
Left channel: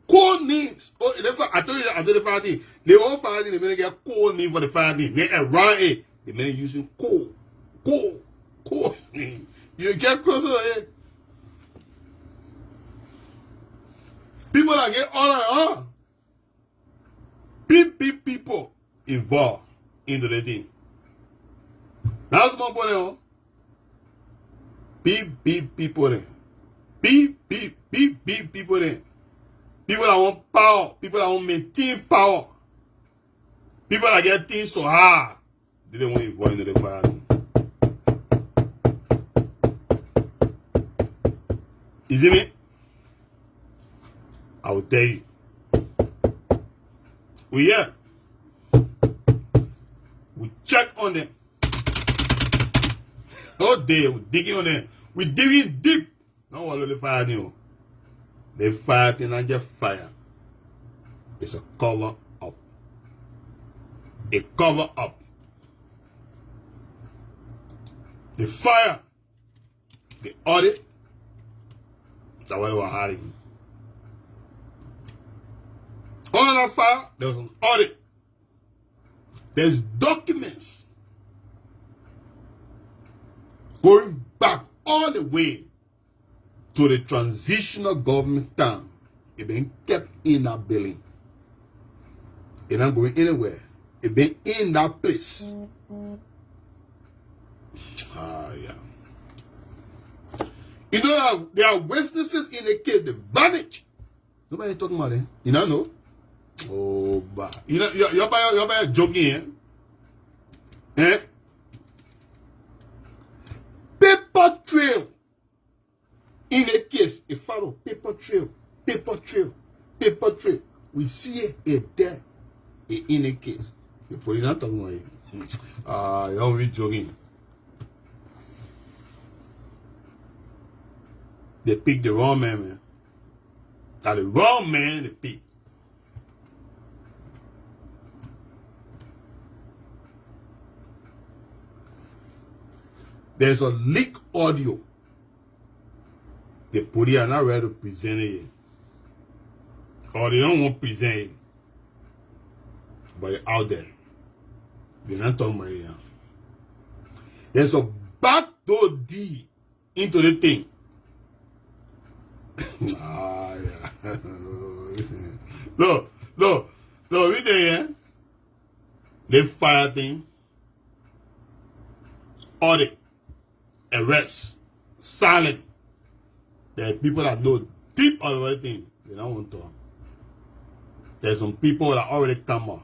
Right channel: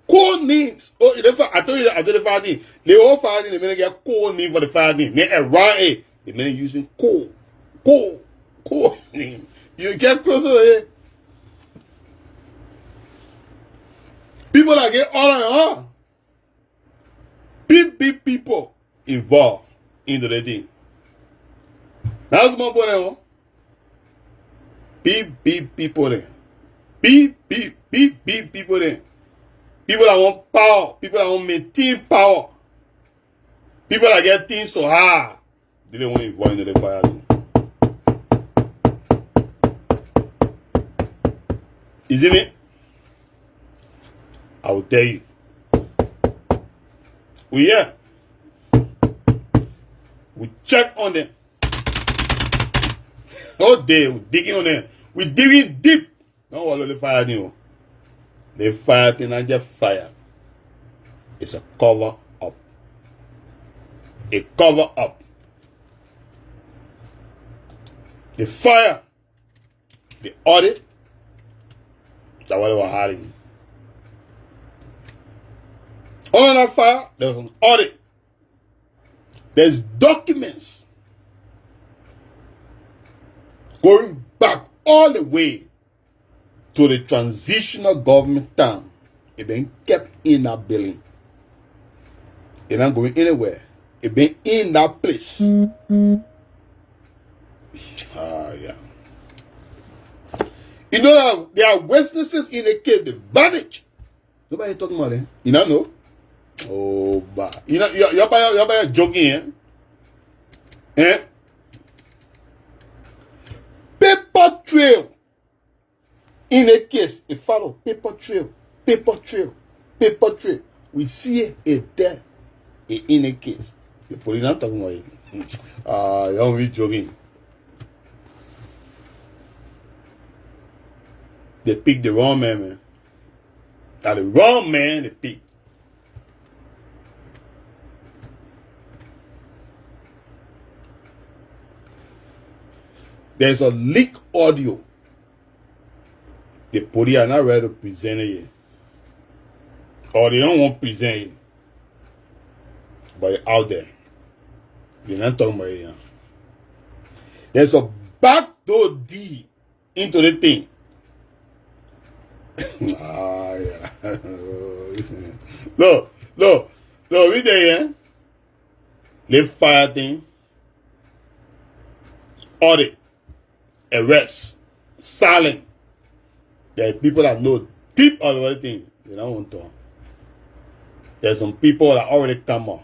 code names. Oh, I told you that I did the fire thing. They all fire thing. They may get code name for the fire thing. They around it. They may using code name. You get closer to it. People that get on and on. Big people involved into the thing. That's my point. Big people there. Big people there. People that want power. People that want maintain power. People that get things so hard. They don't want to involve into the fire. Is it me? I will tell you. We check on them. All day, we digging on them. We digging deep. Don't worry, the fire thing. The fire thing, not just fire. It's a cover up. A cover up. The fire, the audit, that's what they were hiding. On that fire, there was an audit. There's documents going back all the way to the transitional government time. It been kept in that building. It not going anywhere. It been in that place. Yeah. You know, there are witnesses in the case that vanish. Nobody talking about it. You don't know? Oh, but you know, you're joking, eh? Paper trail. In a case, it follow paper trail. We see it there in a case. The police not talking about it. You're really joking. They pick the wrong man. Now the wrong man they pick. There's a leak audio. The police are not ready to present it yet. Or they don't want to present it. But it's out there. They're not talking about it now. There's a backdoor deed into the thing. Yeah. Look, we there, yeah? They fire thing. Audit. Arrest. Silent. There are people that know deep on everything. They don't want to talk. There's some people that already come out.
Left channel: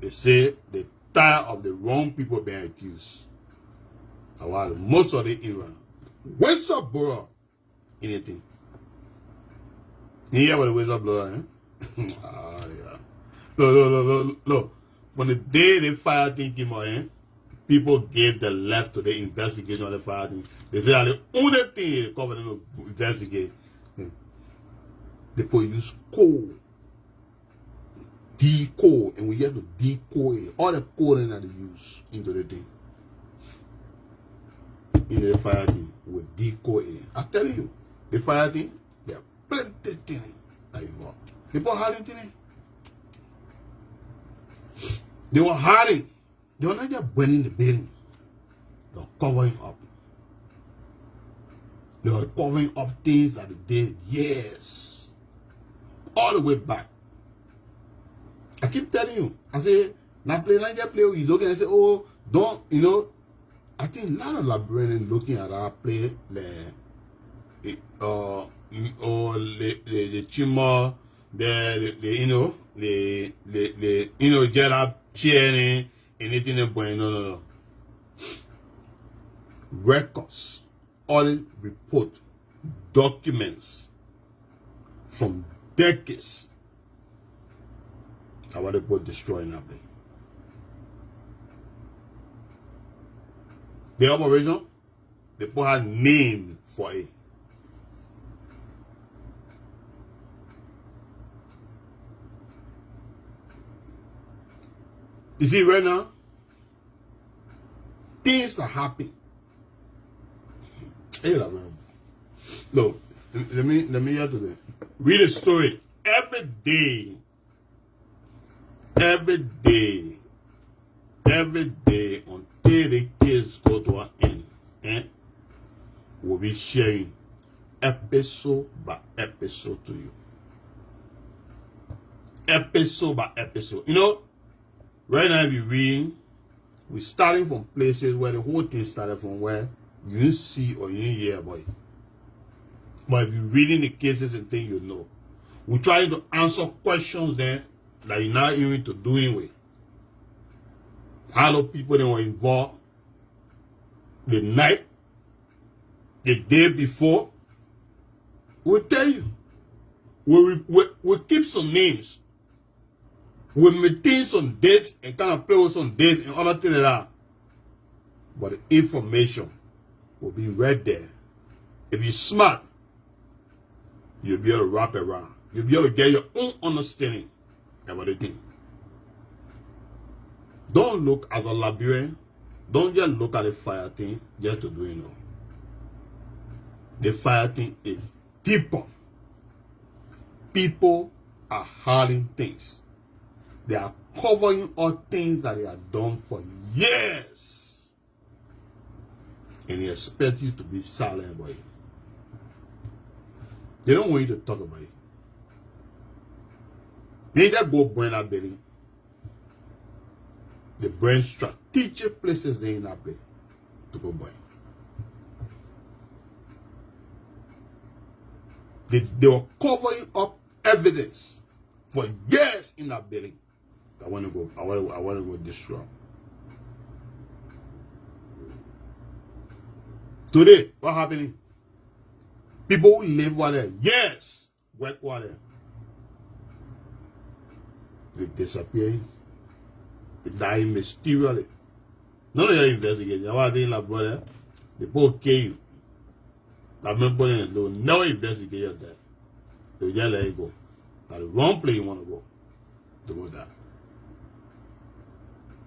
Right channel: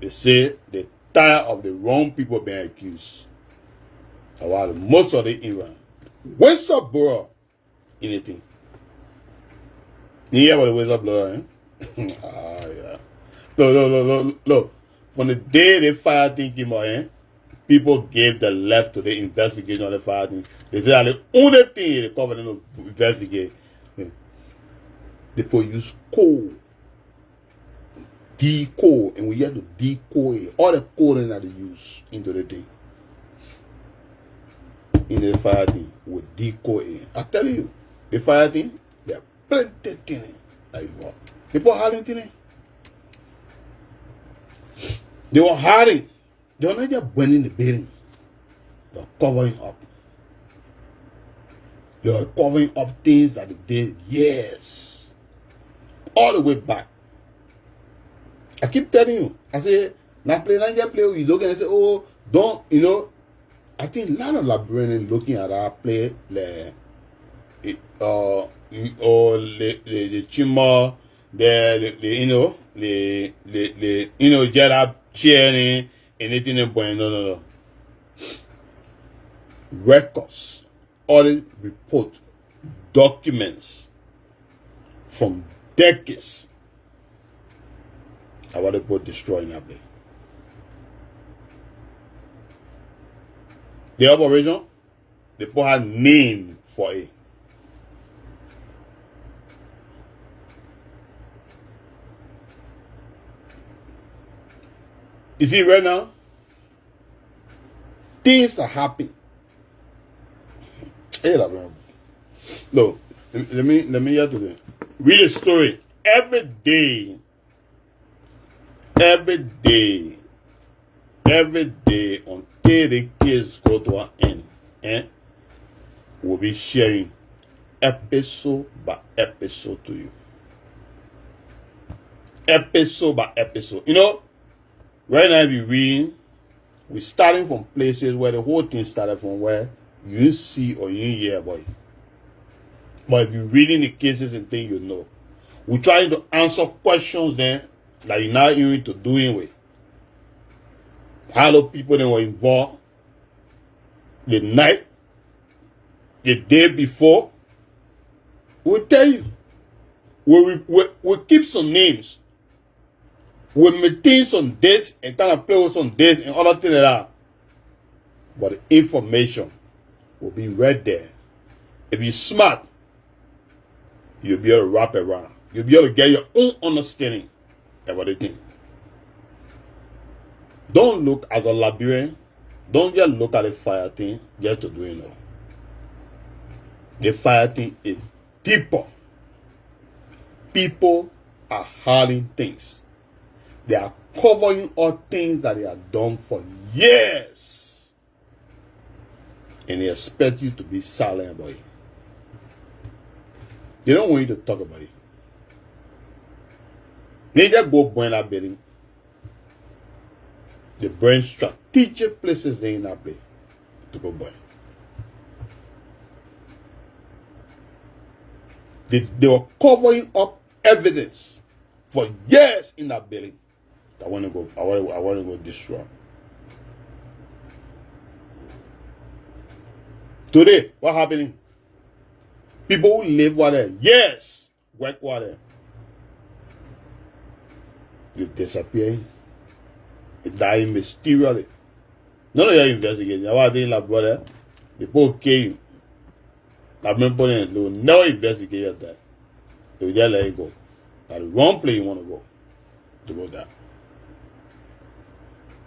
They say they're tired of the wrong people being accused. While most of the Iran. Whistleblower. Anything. You hear about the whistleblower, eh? Yeah. Look. From the day the fire thing came out, eh? People gave the left to the investigation of the fire thing. They said that the only thing the government will investigate, people use coal. Decode, and we have to decode all the coding that they use into the thing. In the fire thing, we decode it. I tell you, the fire thing, there are plenty of things that involved. People hiding things. They were hiding. They were not just burning the building. They were covering up. They were covering up things that they did years. All the way back. I keep telling you. I say, now play, you look and say, oh, don't, I think a lot of Liberians looking at our play, the chima, get up cheering, anything, no. Records, audit report, documents from decades. I want to go destroying that place. The operation, they put a name for it. You see right now, things that happen. Hey, no, let me hear today. Read a story every day. Every day until the kids go to an end, we'll be sharing episode by episode to you. Episode by episode. Right now if you're reading, we're starting from places where the whole thing started from, where you see or you hear about it. But if you're reading the cases and things, we're trying to answer questions then that you're not even to doing with. How the people that were involved the night, the day before, we'll tell you. We'll keep some names. We'll maintain some dates and kind of play with some dates and other things like that. But the information will be right there. If you're smart, you'll be able to wrap it around. You'll be able to get your own understanding about the thing. Don't look as a Liberian. Don't just look at the fire thing just to do it. The fire thing is deeper. People are hiding things. They are covering all things that they have done for years. And they expect you to be silent about it. They don't want you to talk about it. They just go burn that building. They burn strategic places they in that place to go burn. They were covering up evidence for years in that building. I want to go destroy. Today, what happening? People who live over there, yes, work over there. They disappearing. They dying mysteriously. None of you investigating. That's why I think, like, brother, they both kill you. I've been putting it, they will never investigate that. They will just let it go. That's the wrong place you want to go there.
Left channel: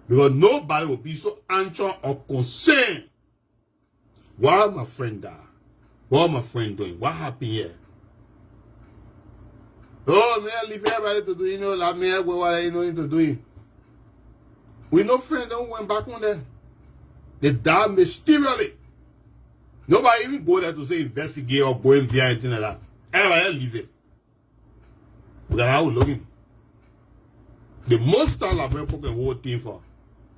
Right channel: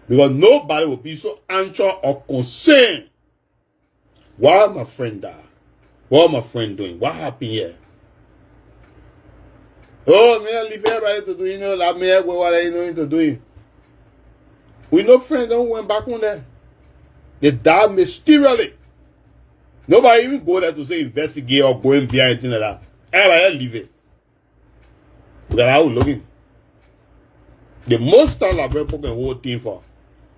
Because nobody will be so anxious or concerned. Why my friend died? What my friend doing? What happened here? Oh, man, leave everybody to do, like me, what they know to do. We no friends don't went back on there. They died mysteriously. Nobody even go there to say investigate or go in behind anything like that. Everybody leave it. Because I was looking. The most time I've been putting the whole thing for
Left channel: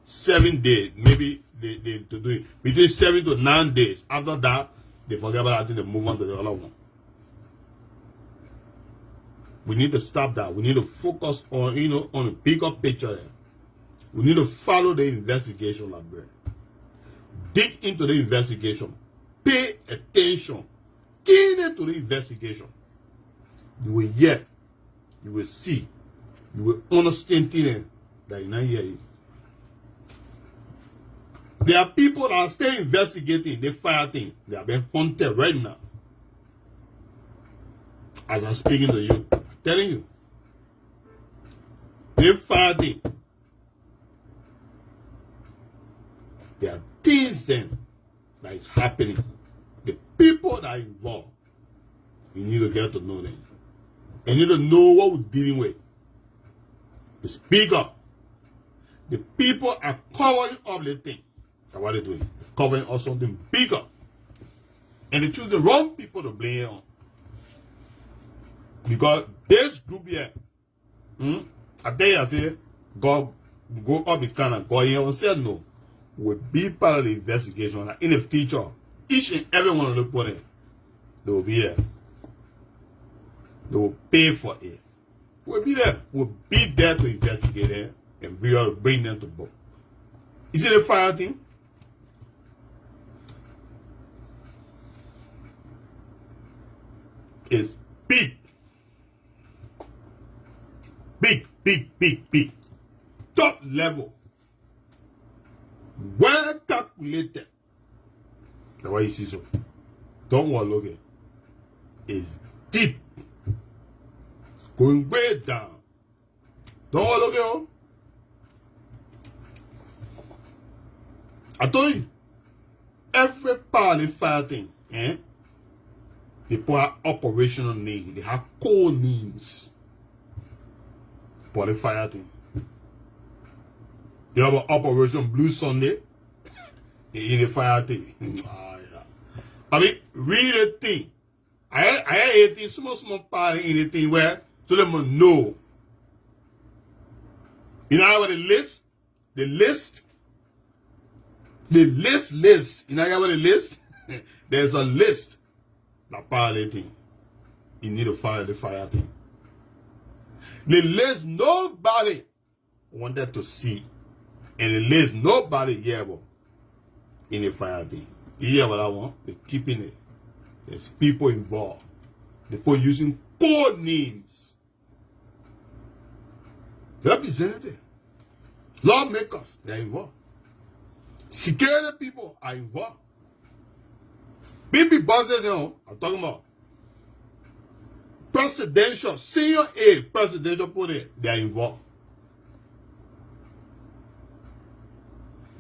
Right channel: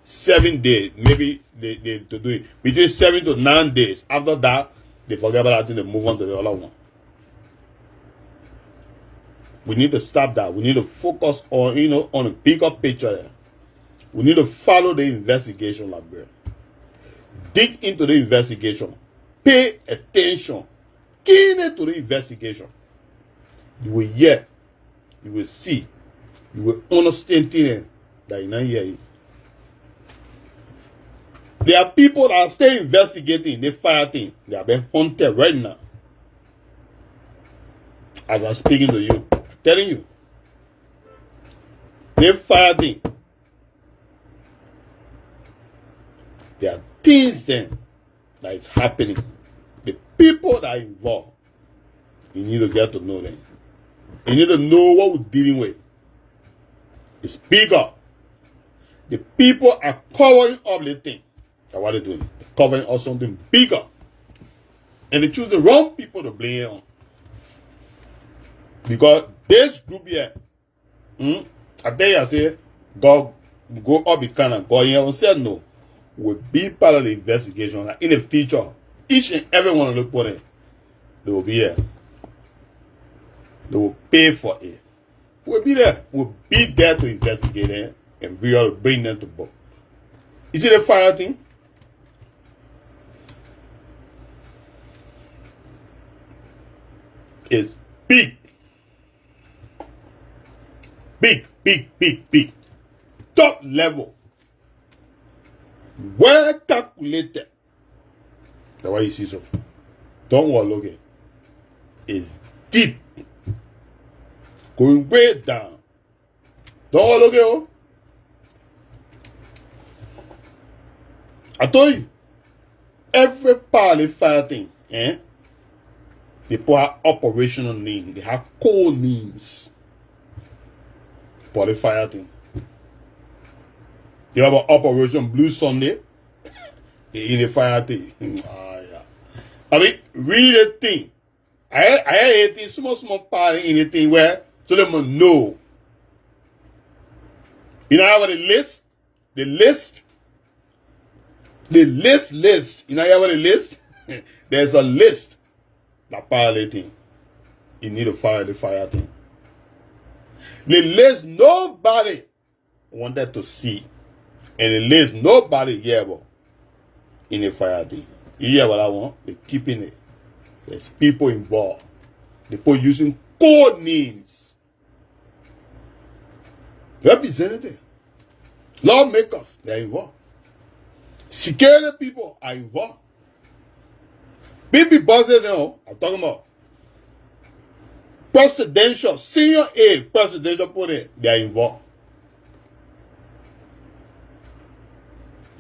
7 days, maybe they to do it between 7 to 9 days. After that, they forget about that thing, they move on to the other one. We need to stop that. We need to focus on, on a bigger picture there. We need to follow the investigation, Liberian. Dig into the investigation. Pay attention. Keen into the investigation. You will hear. You will see. You will understand things that you not hear. There are people that are still investigating. They fire things. They are being hunted right now. As I'm speaking to you. I'm telling you. They fire things. There are things then that is happening. The people that are involved, you need to get to know them. You need to know what we're dealing with. It's bigger. The people are covering up the thing. That's what they're doing. They're covering up something bigger. And they choose the wrong people to blame it on. Because this group here, I tell you, I say, God go up the can and God here said no. Will be part of the investigation. In the future, each and every one of the people, they will be here. They will pay for it. We'll be there. We'll be there to investigate it and we will bring them to book. You see the fire thing? It's big. Big, big, big, big. Top level. Well calculated. That's why you see so. Don't overlook it. It's deep. Going way down. Don't overlook it. Oh. I told you. Every part of the fire thing, they put an operational name. They have code names for the fire thing. You have an Operation Blue Sunday in the fire thing. Yeah. I mean, read the thing. I hate it, small part in the thing where to let them know. You know how the list? The list. You know how the list? There's a list. That part of the thing. You need to follow the fire thing. The list nobody wanted to see. And the list nobody hear about in the fire thing. You hear what I want? They're keeping it. There's people involved. People using code names. Representative. Lawmakers, they're involved. Security people are involved. Big bosses, I'm talking about. Presidential, senior aide, presidential people, they're involved.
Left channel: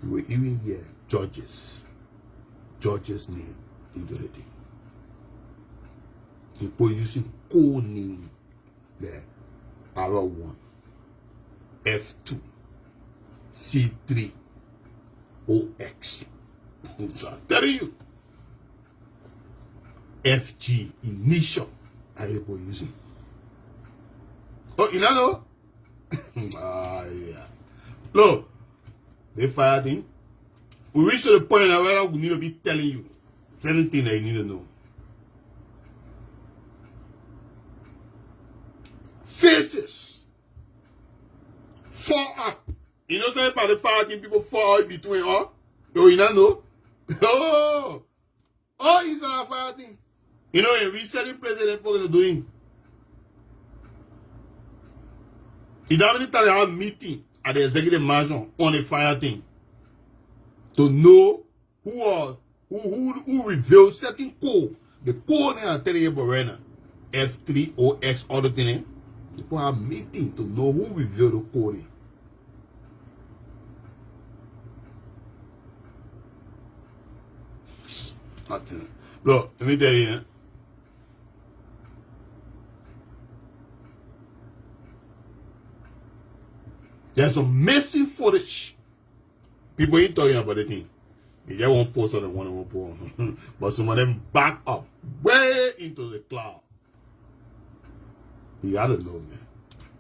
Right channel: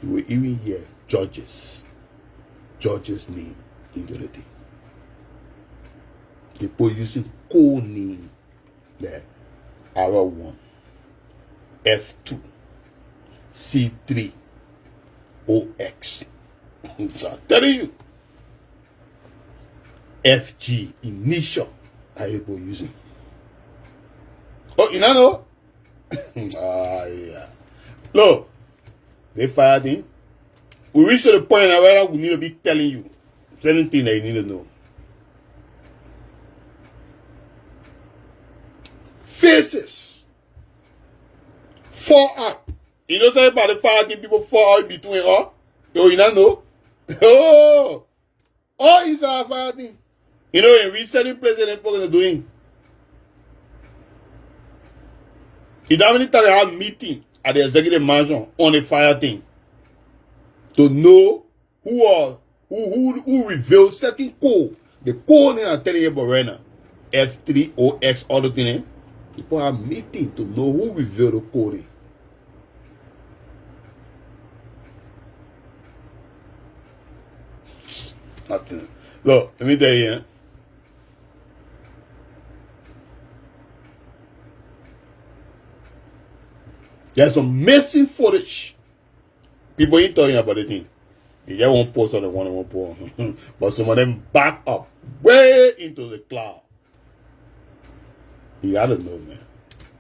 You will even hear judges name into the thing. People using code name there. R1, F2, C3, OX. So I'm telling you. FG, initial, are people using. Oh, you know? Yeah. Look. They fired him. We reached to the point where we need to be telling you certain things that you need to know. Faces. Fall out. You know something about the fighting people fall out between all? Oh, you don't know? Oh, it's our fighting. You know, in resetting places they're going to doing. You don't many times have meeting at the executive mansion on a fire thing to know who reveals certain code. The code I'm telling you about right now, F3OX, all the things. People are meeting to know who revealed the code. Nothing. Look, let me tell you. There's some missing footage. People ain't talking about the thing. You just won't post on the one and won't post. But some of them back up way into the cloud. You gotta know, man.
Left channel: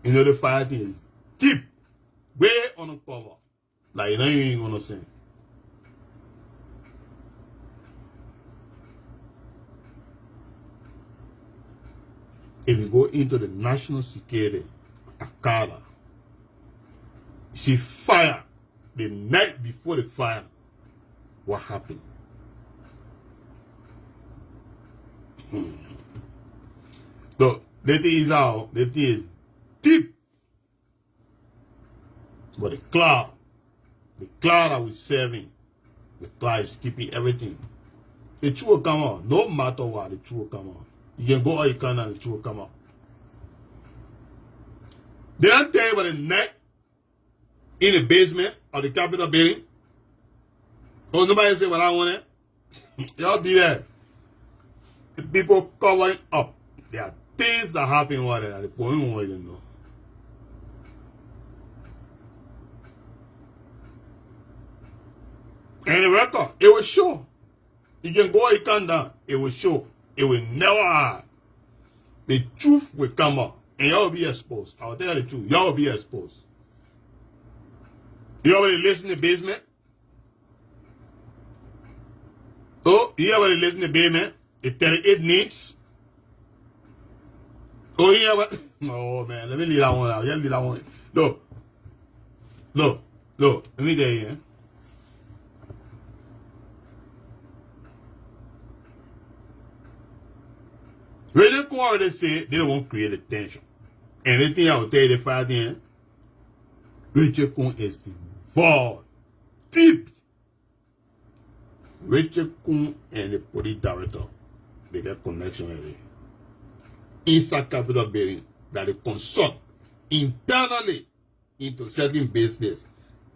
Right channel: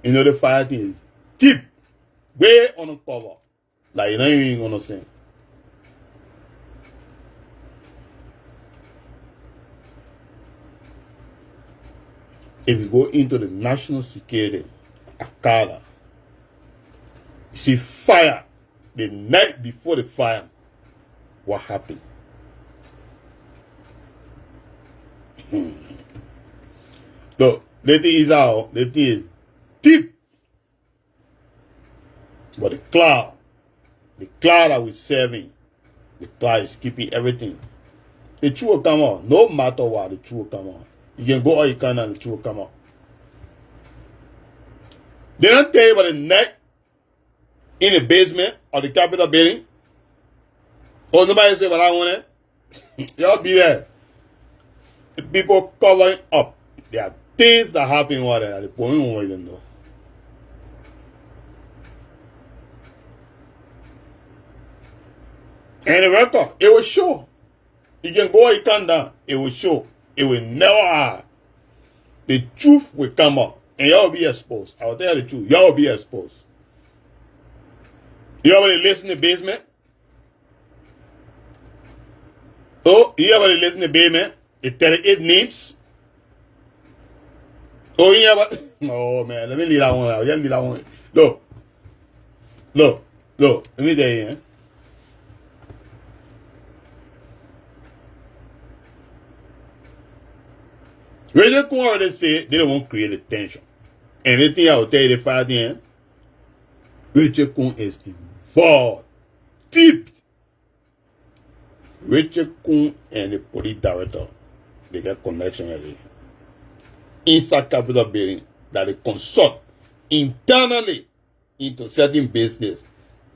You know the fire thing is deep. Way on the cover. Like you don't even understand. If you go into the national security, Akala, you see fire the night before the fire. What happened? So, the thing is out, the thing is deep. But the cloud that we're serving, the cloud is keeping everything. The truth will come out. No matter what, the truth will come out. You can go all you can and the truth will come out. They don't tell you about the night in the basement of the Capitol building. Oh, nobody say what I want it. Y'all be there. The people covering up. There are things that happen over there that the police won't even know. And the record, it will show. You can go and come down. It will show. It will never hide. The truth will come out. And y'all will be exposed. I will tell you the truth. Y'all will be exposed. You already listen to the basement? Oh, you already listen to the basement? The 38 names? Oh, you ever? Oh, man. Let me leave that one out. Let me leave that one. Look. Let me tell you, Rachel Coon already said they don't want to create a tension. Anything I will tell you the fire thing, Rachel Coon is involved. Deep. Rachel Coon and the police director, they get connection already. Inside Capitol building that they consult internally into certain business.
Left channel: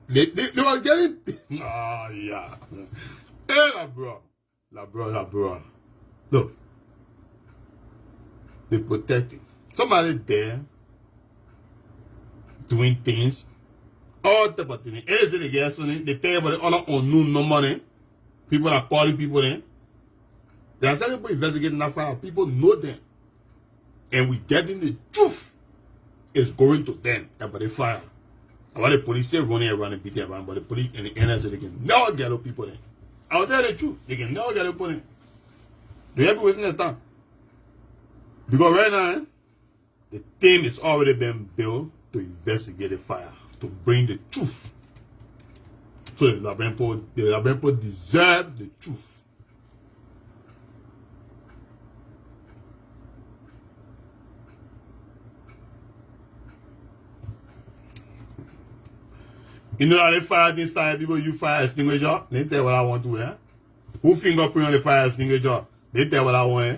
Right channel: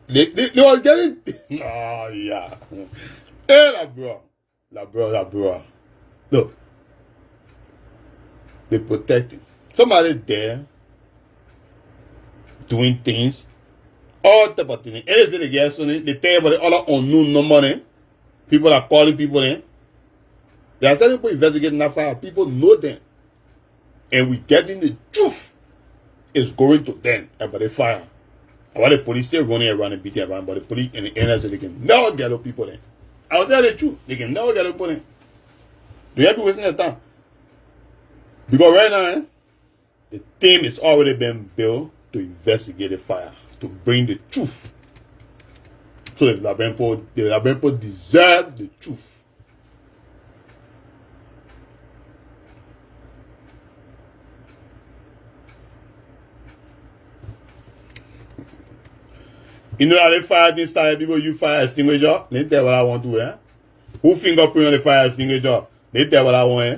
They were getting yeah. Hey, la bro. Look. They protecting. Somebody there doing things. All type of things. Anything they get something, they tell you about the other unknown number. People are calling people in. There are certain people investigating that fire. People know them. And we getting the truth. It's going to them about the fire. About the police still running around and beating around, but the police and the NSA, they can never get those people in. I'll tell you the truth. They can never get those people in. Do you have to waste their time? Because right now, the team has already been built to investigate the fire, to bring the truth. So the Labempo deserve the truth. You know how they fire this time, people use fire extinguisher? They tell what I want to, eh? Who fingerprint on the fire extinguisher? They tell what I want, eh?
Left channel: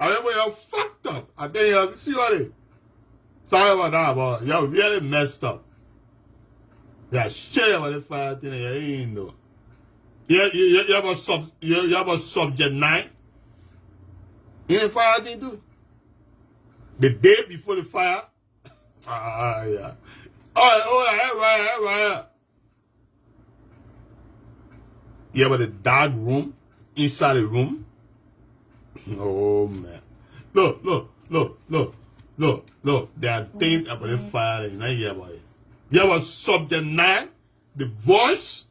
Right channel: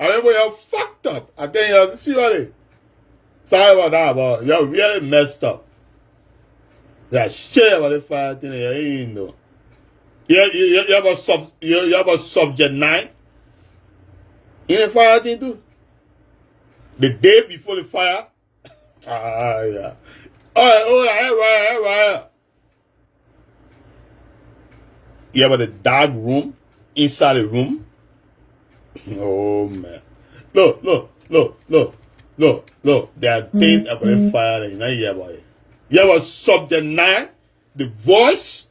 I remember you're fucked up. I tell you, seriously. Sorry about that, but you're really messed up. That shit about the fire thing, you ain't know. You have a subject 9 in the fire thing too. The day before the fire. Yeah. All right. You have the dark room, inside the room. Oh, man. Look. There are things about the fire that you don't hear about it. You have a subject 9, the voice,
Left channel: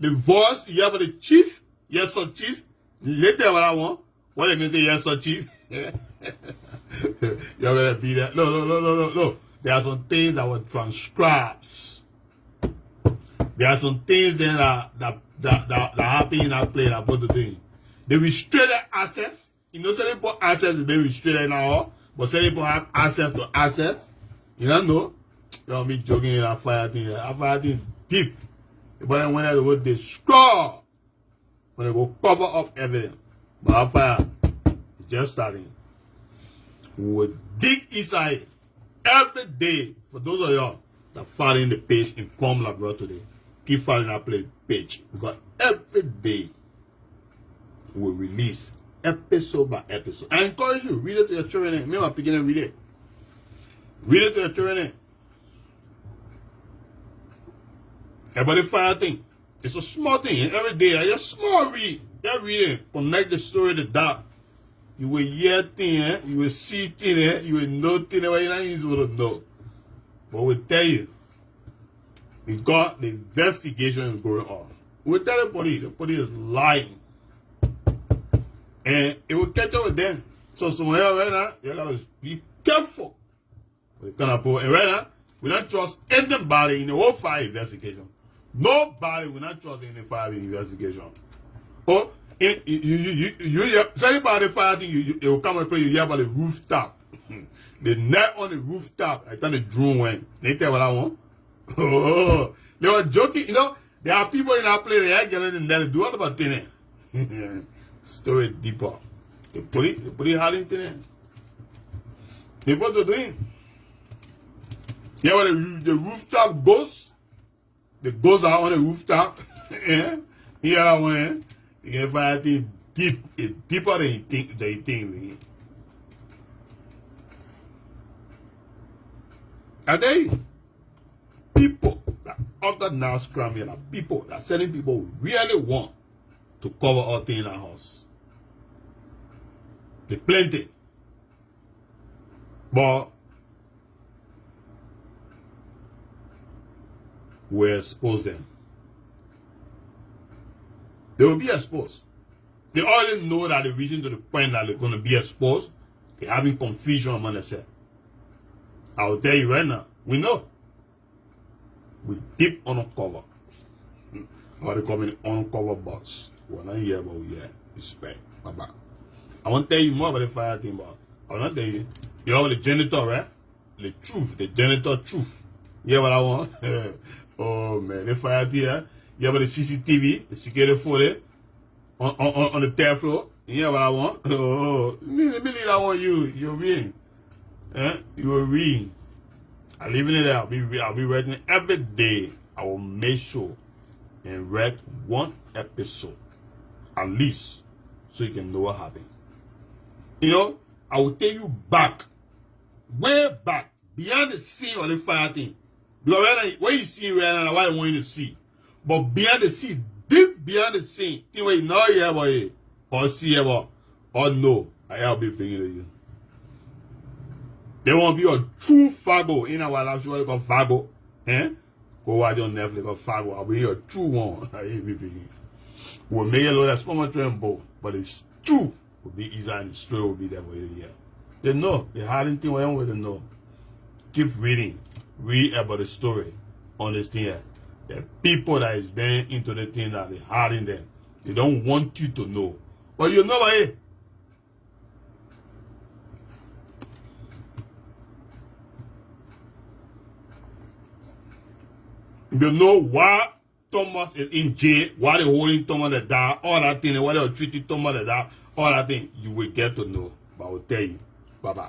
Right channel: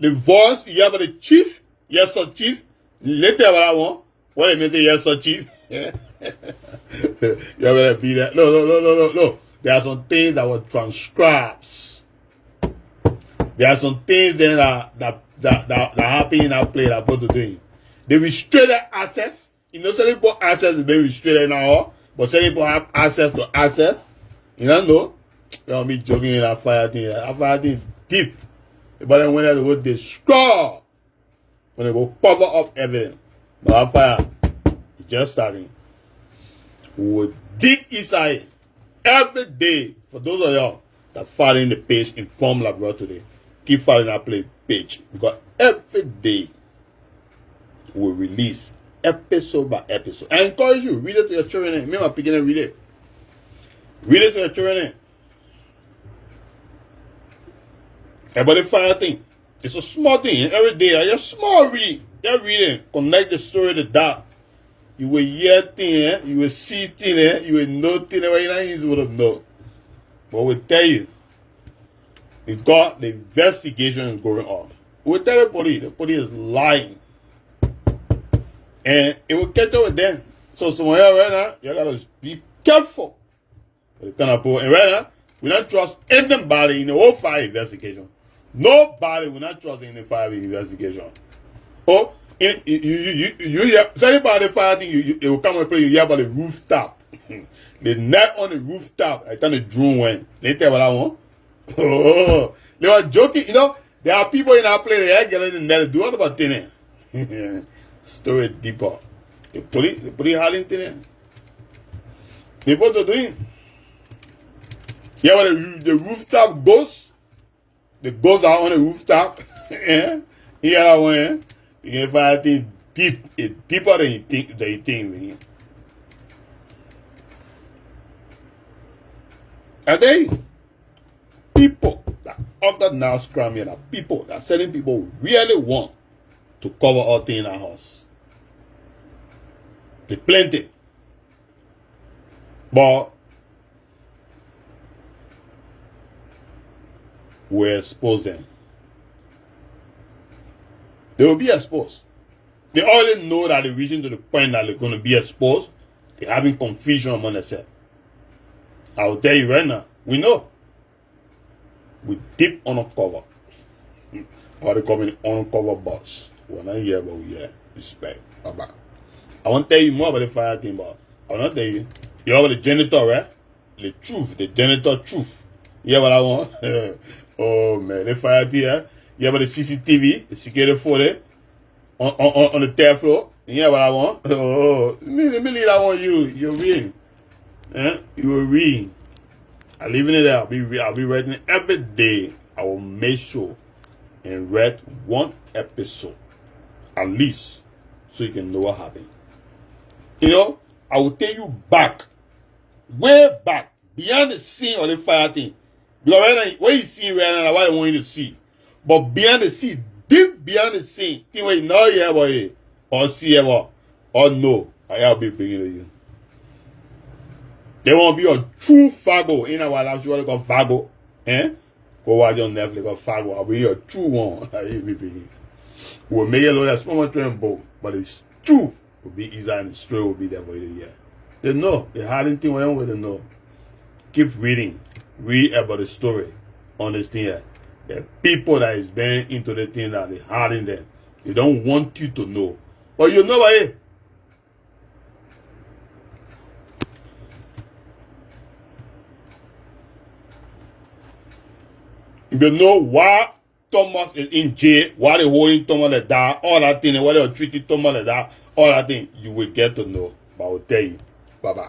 you have the chief, yes, sir, chief. Later, what I want, what it means, yes, sir, chief. You better be that. No. There are some things that were transcribed. There are some things then that happen in that play that put the thing. The restricted access. You know, certain people access is being restricted now, but certain people have access to access. You don't know. You know me joking in that fire thing. That fire thing deep. But then when they go destroy, when they go cover up everything. But that fire is just starting. We will dig inside every day. For those of y'all that following the page Inform Labrador today, keep following that page. Because every day we release episode by episode. I encourage you, read it to your children. Me and my beginner read it. Read it to your children. About the fire thing. It's a small thing. And every day, a small read. They're reading. Connect the story to that. You will hear things, you will see things, you will know things where you don't usually would know. But we tell you, because the investigation is going on. We tell the police is lying. And it will catch up with them. So some of y'all right now, you gotta be careful with the kind of people. And right now, we not trust anybody in the whole fire investigation. Nobody will not trust in the fire investigation. Oh, you hear, so anybody fire thing, it will come and play, you hear about the rooftop. The net on the rooftop, I kind of drew one. They tell what I want. Oh, they were joking, you know. There are people in that place, they are getting in there, do what about thin. Story deeper. They put it hard in thin. They put it doing. Yeah, but the rooftop ghosts, the ghosts are on the rooftop. Yeah, one. You can find things deeper than you think. Are they people that other now scrum here, people that certain people really want to cover all things in our house? They plenty. But we expose them. They will be exposed. They already know that they're reaching to the point that they're going to be exposed. They're having confusion among themselves. I will tell you right now, we know. We deep undercover. What they call it, undercover boss. We're not here, but we here. Respect. Bye-bye. I won't tell you more about the fire thing, but I will not tell you. You know about the janitor, right? The truth, the janitor truth. You hear what I want? Oh man, the fire thing, yeah? You have the CCTV, the security footage on the third floor. You hear what I want? Oh, me I want you. You're reading. You're reading. I live in it there. I'll be writing every day. I will make sure and write one episode at least so you can know what happened. You know, I will take you back, way back, beyond the scene of the fire thing. Because right now, what you see right now, what I want you to see. But beyond the scene, deep beyond the scene, thing where you know you ever hear, or see ever, or know, I'll be bringing to you. There won't be a true Fago in our lives. You want to call Fago? Go watch on Netflix or Fago. I'll be a true one. I'll be bringing. We'll make a lot of small train boat, but it's true. Will be easier and the story will be there for you to hear. They know. The hardest thing we don't know. Keep reading. Read about the story. Understand that. The people that is been into the thing that they hard in them. They don't want you to know. But you know what? You know why Thomas is in jail, why they holding Thomas like that, all that thing, why they treating Thomas like that, all that thing, you will get to know. But I will tell you. Bye-bye.